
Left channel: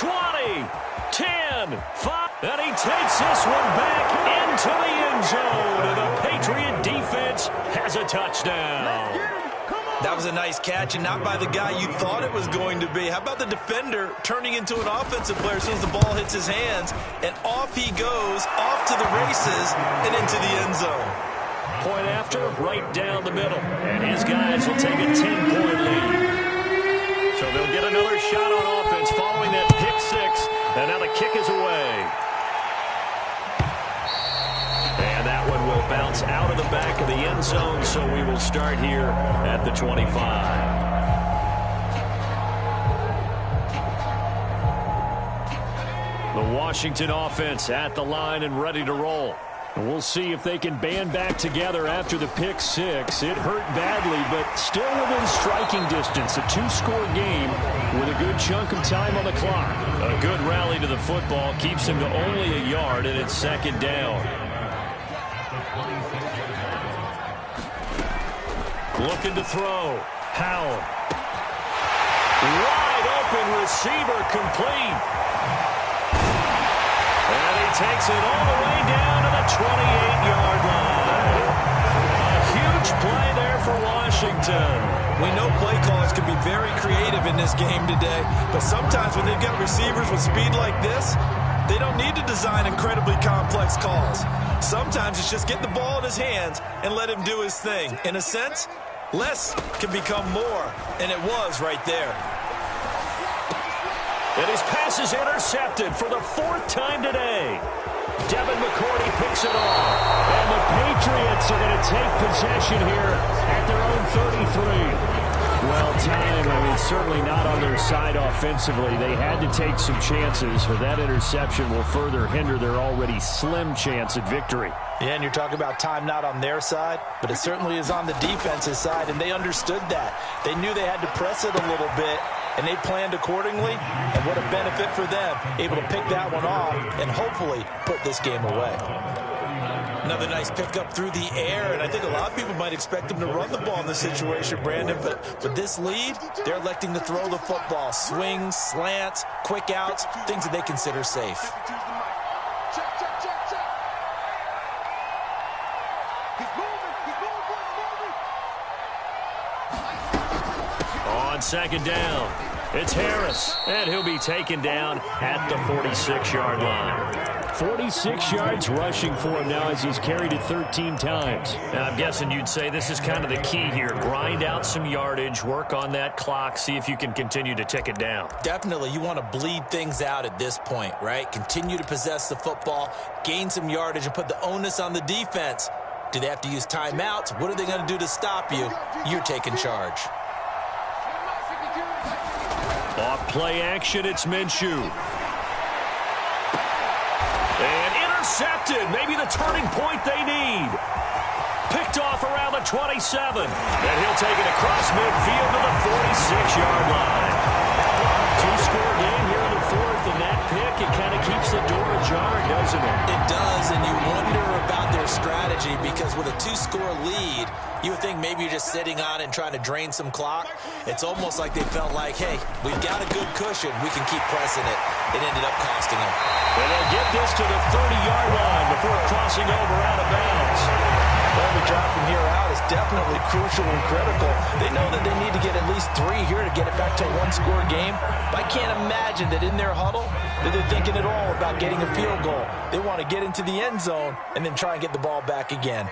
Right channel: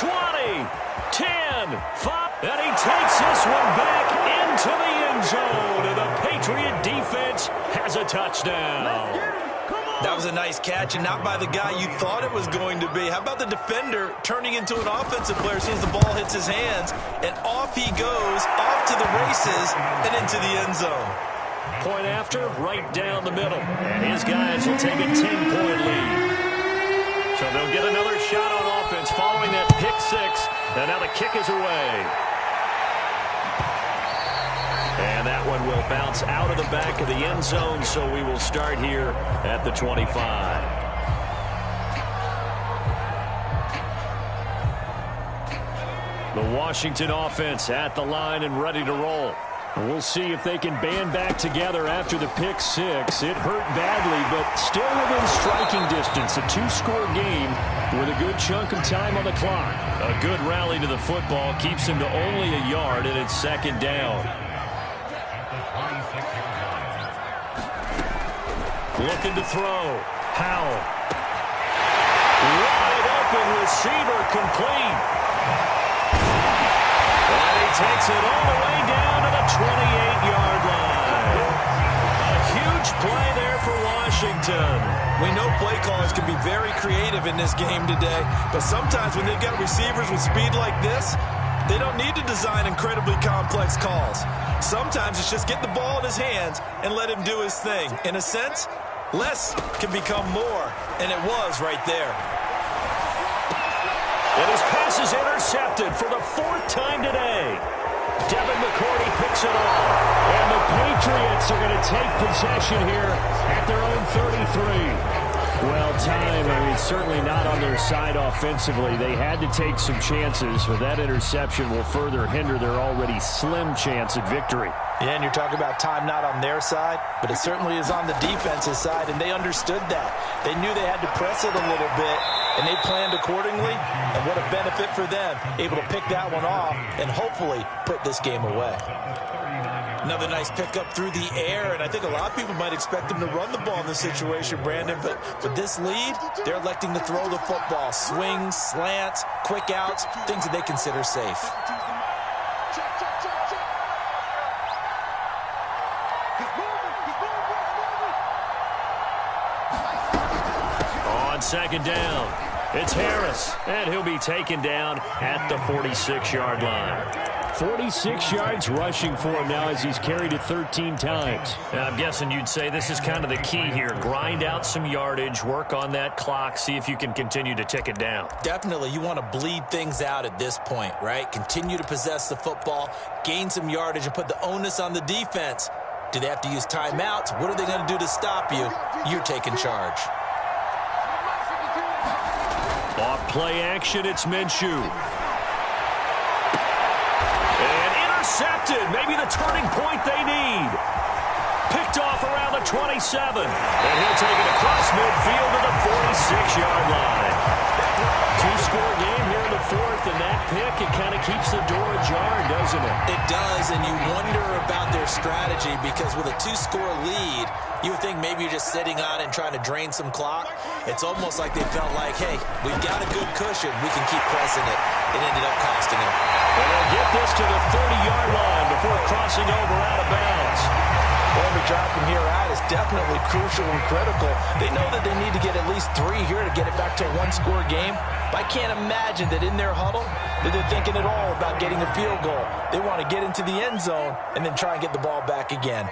20, 10, 5. And he takes this one back into the end zone. And the Patriot defense has a touchdown. That was a nice catch, and not by the guy you thought it was going to be. How about the defender turning into an offensive player as soon as the ball hits his hands, and off he goes, off to the races, and into the end zone. Point after, right down the middle. And his guys will take a 10-point lead. So they'll get another shot on offense following that pick 6, and now the kick is away. And that one will bounce out of the back of the end zone, so we will start here at the 25. The Washington offense at the line and ready to roll. And we'll see if they can band back together after the pick 6. It hurt badly, but still within striking distance. A 2-score game with a good chunk of time on the clock. A good rally to the football keeps him to only a yard, and it's 2nd down. Looking to throw. Howell. Wide open receiver complete. And he takes it all the way down to the 28-yard line. A huge play there for Washington. We know play callers can be very creative in this game today, but sometimes when they've got receivers with speed like this, They don't need to design incredibly complex calls. Sometimes it's just get the ball in his hands and let him do his thing. In a sense, less can become more, and it was right there. And his pass is intercepted for the 4th time today. Devin McCourty picks it off. And the Patriots are going to take possession here at their own 33. Well, time, I mean, certainly not on their side offensively. They had to take some chances, but that interception will further hinder their already slim chance at victory. Yeah, and you're talking about time not on their side, but it certainly is on the defense's side, and they understood that. They knew they had to press it a little bit, and they planned accordingly, and what a benefit for them, able to pick that one off and hopefully put this game away. Another nice pickup through the air, and I think a lot of people might expect them to run the ball in this situation, Brandon, but with this lead, they're electing to throw the football. Swings, slants, quick outs, things that they consider safe. Check, check, check, check. He's moving, On 2nd down, it's Harris, and he'll be taken down at the 46-yard line. 46 yards rushing for him now as he's carried it 13 times. Now, I'm guessing you'd say this is kind of the key here. Grind out some yardage, work on that clock, see if you can continue to tick it down. Definitely, you want to bleed things out at this point, right? Continue to possess the football, gain some yardage, and put the onus on the defense. Do they have to use timeouts? What are they going to do to stop you? You're taking charge. Off play action, it's Minshew. And intercepted. Maybe the turning point they need. Picked off around the 27. And he'll take it across midfield to the 46-yard line. 2-score game here in the 4th, and that pick, it kind of keeps the door ajar, doesn't it? It does, and you wonder about their strategy because with a 2-score lead, you would think maybe you're just sitting on it and trying to drain some clock. It's almost like they felt like, hey, we've got a good cushion. We can keep pressing it. It ended up costing them. And they'll get this to the 30-yard line before crossing over out of bounds. Well, every drive from here out is definitely crucial and critical. They know that they need to get at least 3 here to get it back to a 1-score game. But I can't imagine that in their huddle that they're thinking at all about getting a field goal. They want to get into the end zone and then try and get the ball back again.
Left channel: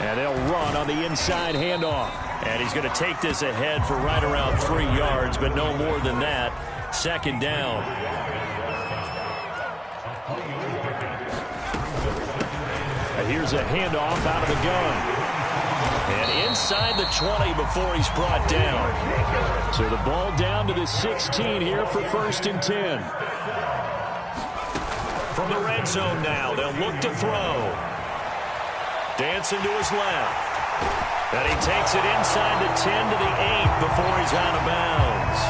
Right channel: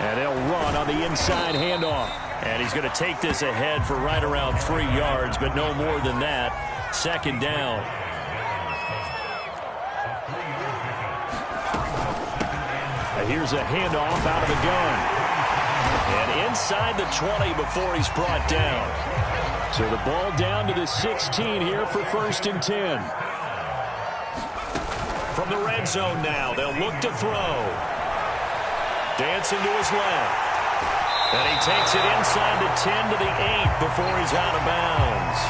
And they'll run on the inside handoff. And he's going to take this ahead for right around 3 yards, but no more than that. 2nd down. Here's a handoff out of the gun. And inside the 20 before he's brought down. So the ball down to the 16 here for 1st and 10. From the red zone now, they'll look to throw. Dancing to his left. And he takes it inside the 10 to the 8 before he's out of bounds.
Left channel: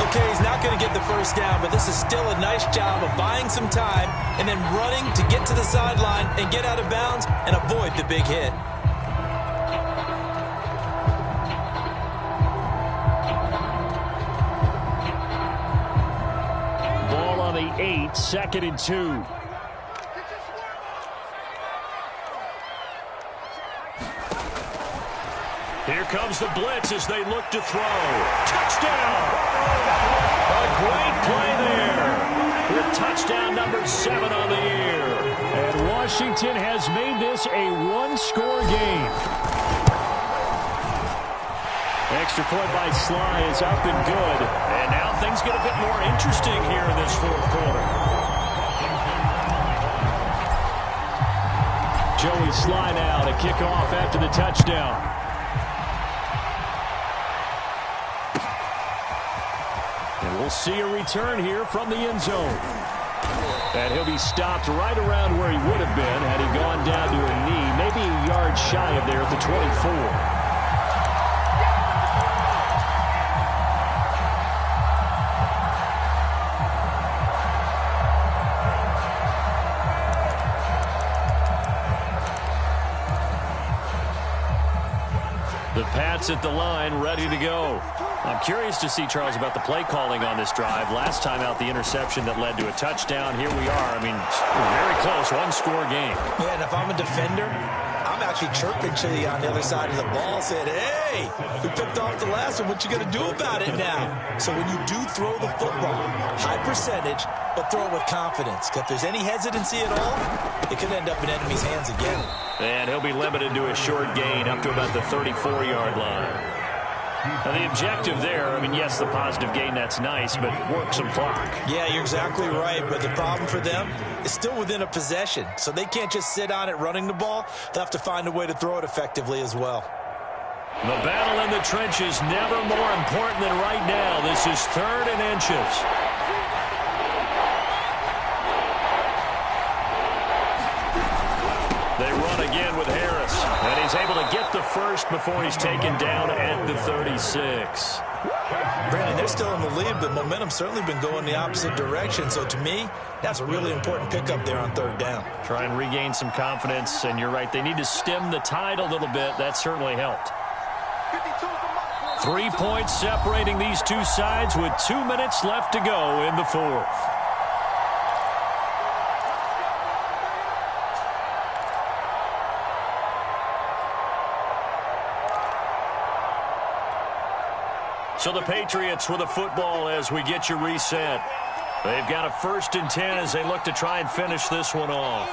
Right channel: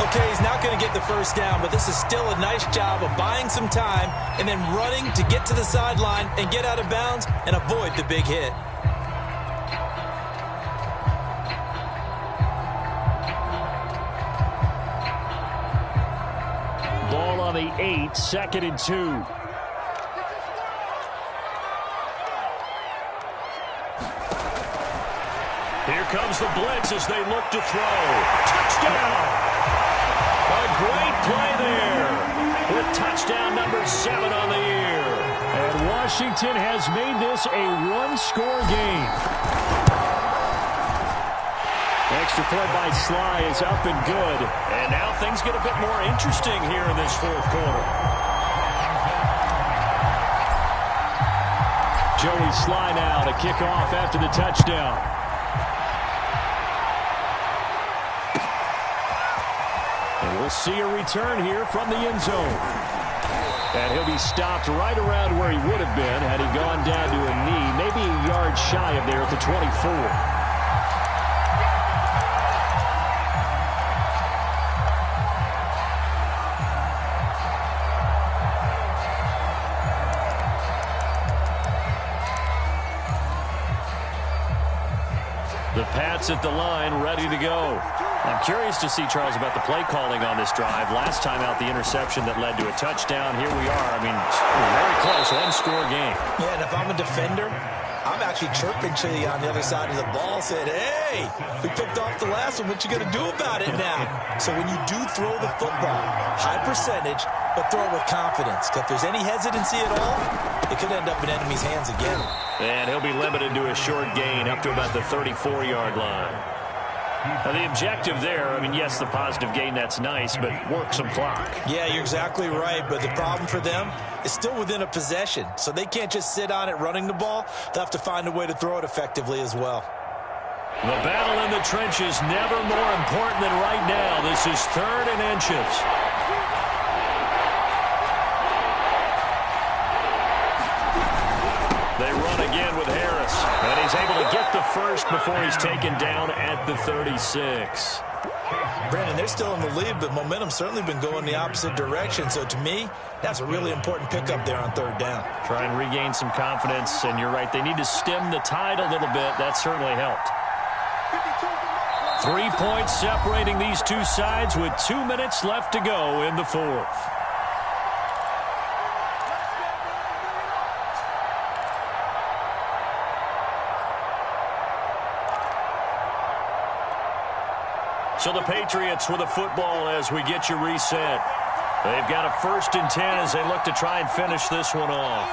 Okay, he's not going to get the 1st down, but this is still a nice job of buying some time and then running to get to the sideline and get out of bounds and avoid the big hit. Ball on the 8, 2nd and 2. Here comes the blitz as they look to throw. Touchdown! A great play there with touchdown number 7 on the year. And Washington has made this a 1-score game. Extra point by Sly is up and good. And now things get a bit more interesting here in this 4th quarter. Joey Sly now to kick off after the touchdown. And we'll see a return here from the end zone. And he'll be stopped right around where he would have been had he gone down to a knee, maybe a yard shy of there at the 24. The Pats at the line, ready to go. I'm curious to see, Charles, about the play calling on this drive. Last time out, the interception that led to a touchdown. Here we are. I mean, very close, 1-score game. Yeah, and if I'm a defender, I'm actually chirping to you on the other side of the ball, saying, hey, we picked off the last one. What you going to do about it now? So when you do throw the football, high percentage, but throw it with confidence. Because if there's any hesitancy at all, it could end up in enemy's hands again. And he'll be limited to a short gain up to about the 34-yard line. Now, the objective there, I mean, yes, the positive gain, that's nice, but work some clock. Yeah, you're exactly right, but the problem for them is still within a possession, so they can't just sit on it running the ball. They'll have to find a way to throw it effectively as well. The battle in the trenches never more important than right now. This is 3rd and inches. They run again with Harris, and he's able to get the first before he's taken down at the 36. Brandon, they're still in the lead, but momentum's certainly been going the opposite direction. So to me, that's a really important pickup there on 3rd down. Try and regain some confidence, and you're right, they need to stem the tide a little bit. That certainly helped. 3 points separating these two sides with 2 minutes left to go in the 4th. So the Patriots with a football as we get you reset. They've got a 1st and 10 as they look to try and finish this one off.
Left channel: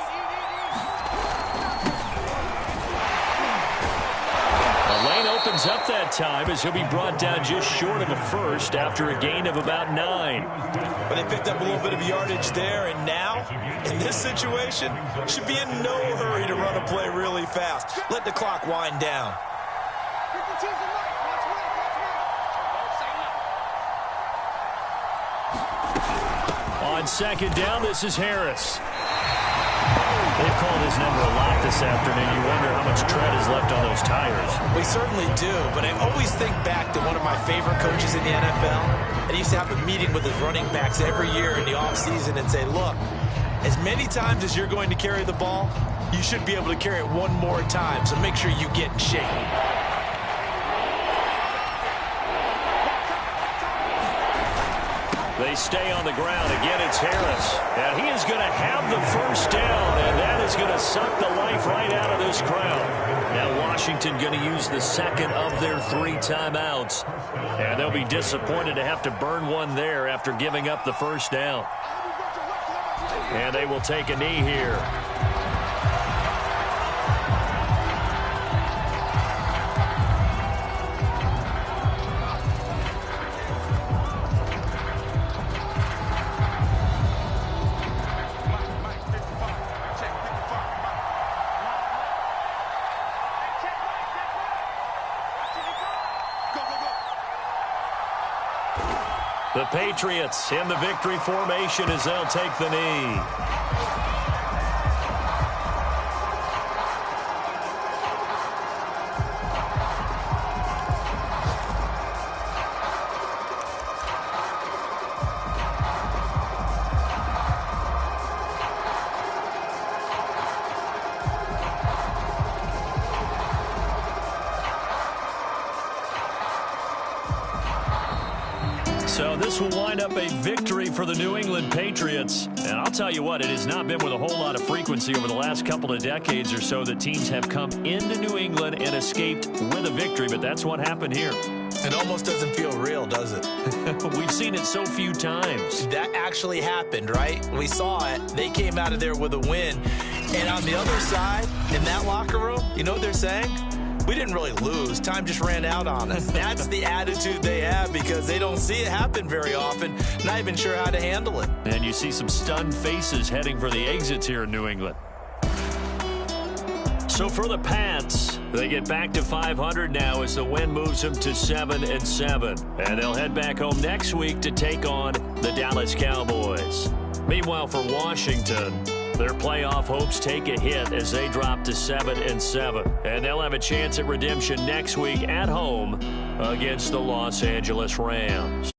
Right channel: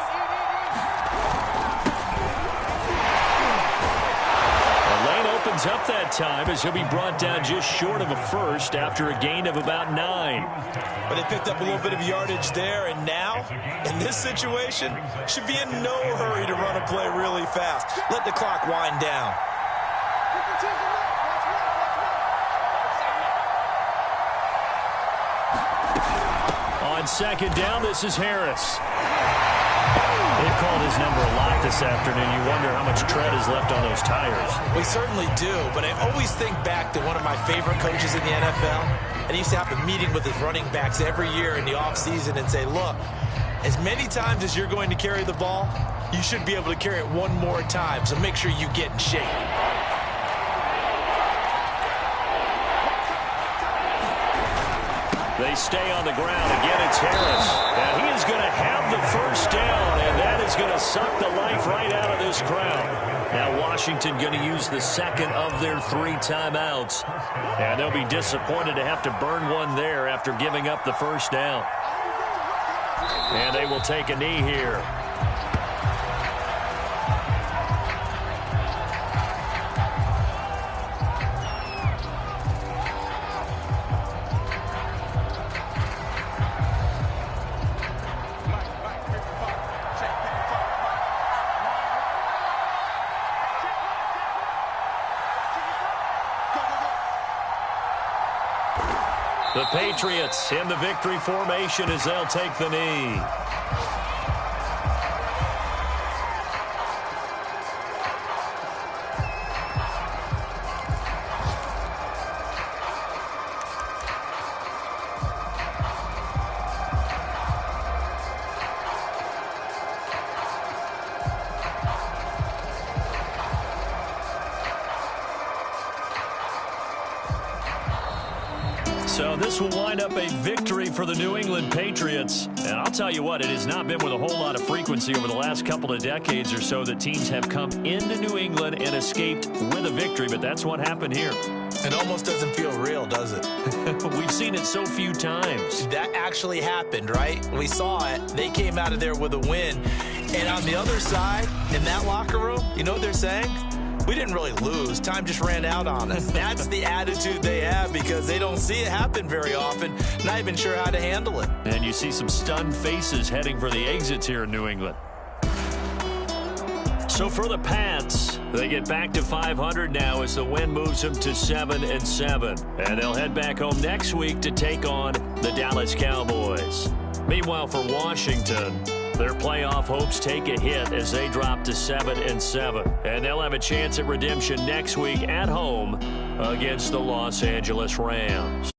The lane opens up that time as he'll be brought down just short of a first after a gain of about 9. But they picked up a little bit of yardage there, and now, in this situation, should be in no hurry to run a play really fast. Let the clock wind down. On 2nd down, this is Harris. They've called his number a lot this afternoon. You wonder how much tread is left on those tires. We certainly do, but I always think back to one of my favorite coaches in the NFL. And he used to have a meeting with his running backs every year in the offseason and say, look, as many times as you're going to carry the ball, you should be able to carry it one more time, so make sure you get in shape. They stay on the ground. Again, it's Harris. Now, he is going to have the first down, and that is going to suck the life right out of this crowd. Now, Washington going to use the 2nd of their 3 timeouts. And they'll be disappointed to have to burn one there after giving up the first down. And they will take a knee here. The Patriots in the victory formation as they'll take the knee. So this will wind up a victory for the New England Patriots. And I'll tell you what, it has not been with a whole lot of frequency over the last couple of decades or so that teams have come into New England and escaped with a victory. But that's what happened here. It almost doesn't feel real, does it? We've seen it so few times. That actually happened, right? We saw it. They came out of there with a win. And on the other side, in that locker room, you know what they're saying? We didn't really lose. Time just ran out on us. That's the attitude they have because they don't see it happen very often. Not even sure how to handle it. And you see some stunned faces heading for the exits here in New England. So for the Pats, they get back to 500 now as the win moves them to 7-7. And they'll head back home next week to take on the Dallas Cowboys. Meanwhile, for Washington, their playoff hopes take a hit as they drop to 7-7. And they'll have a chance at redemption next week at home against the Los Angeles Rams.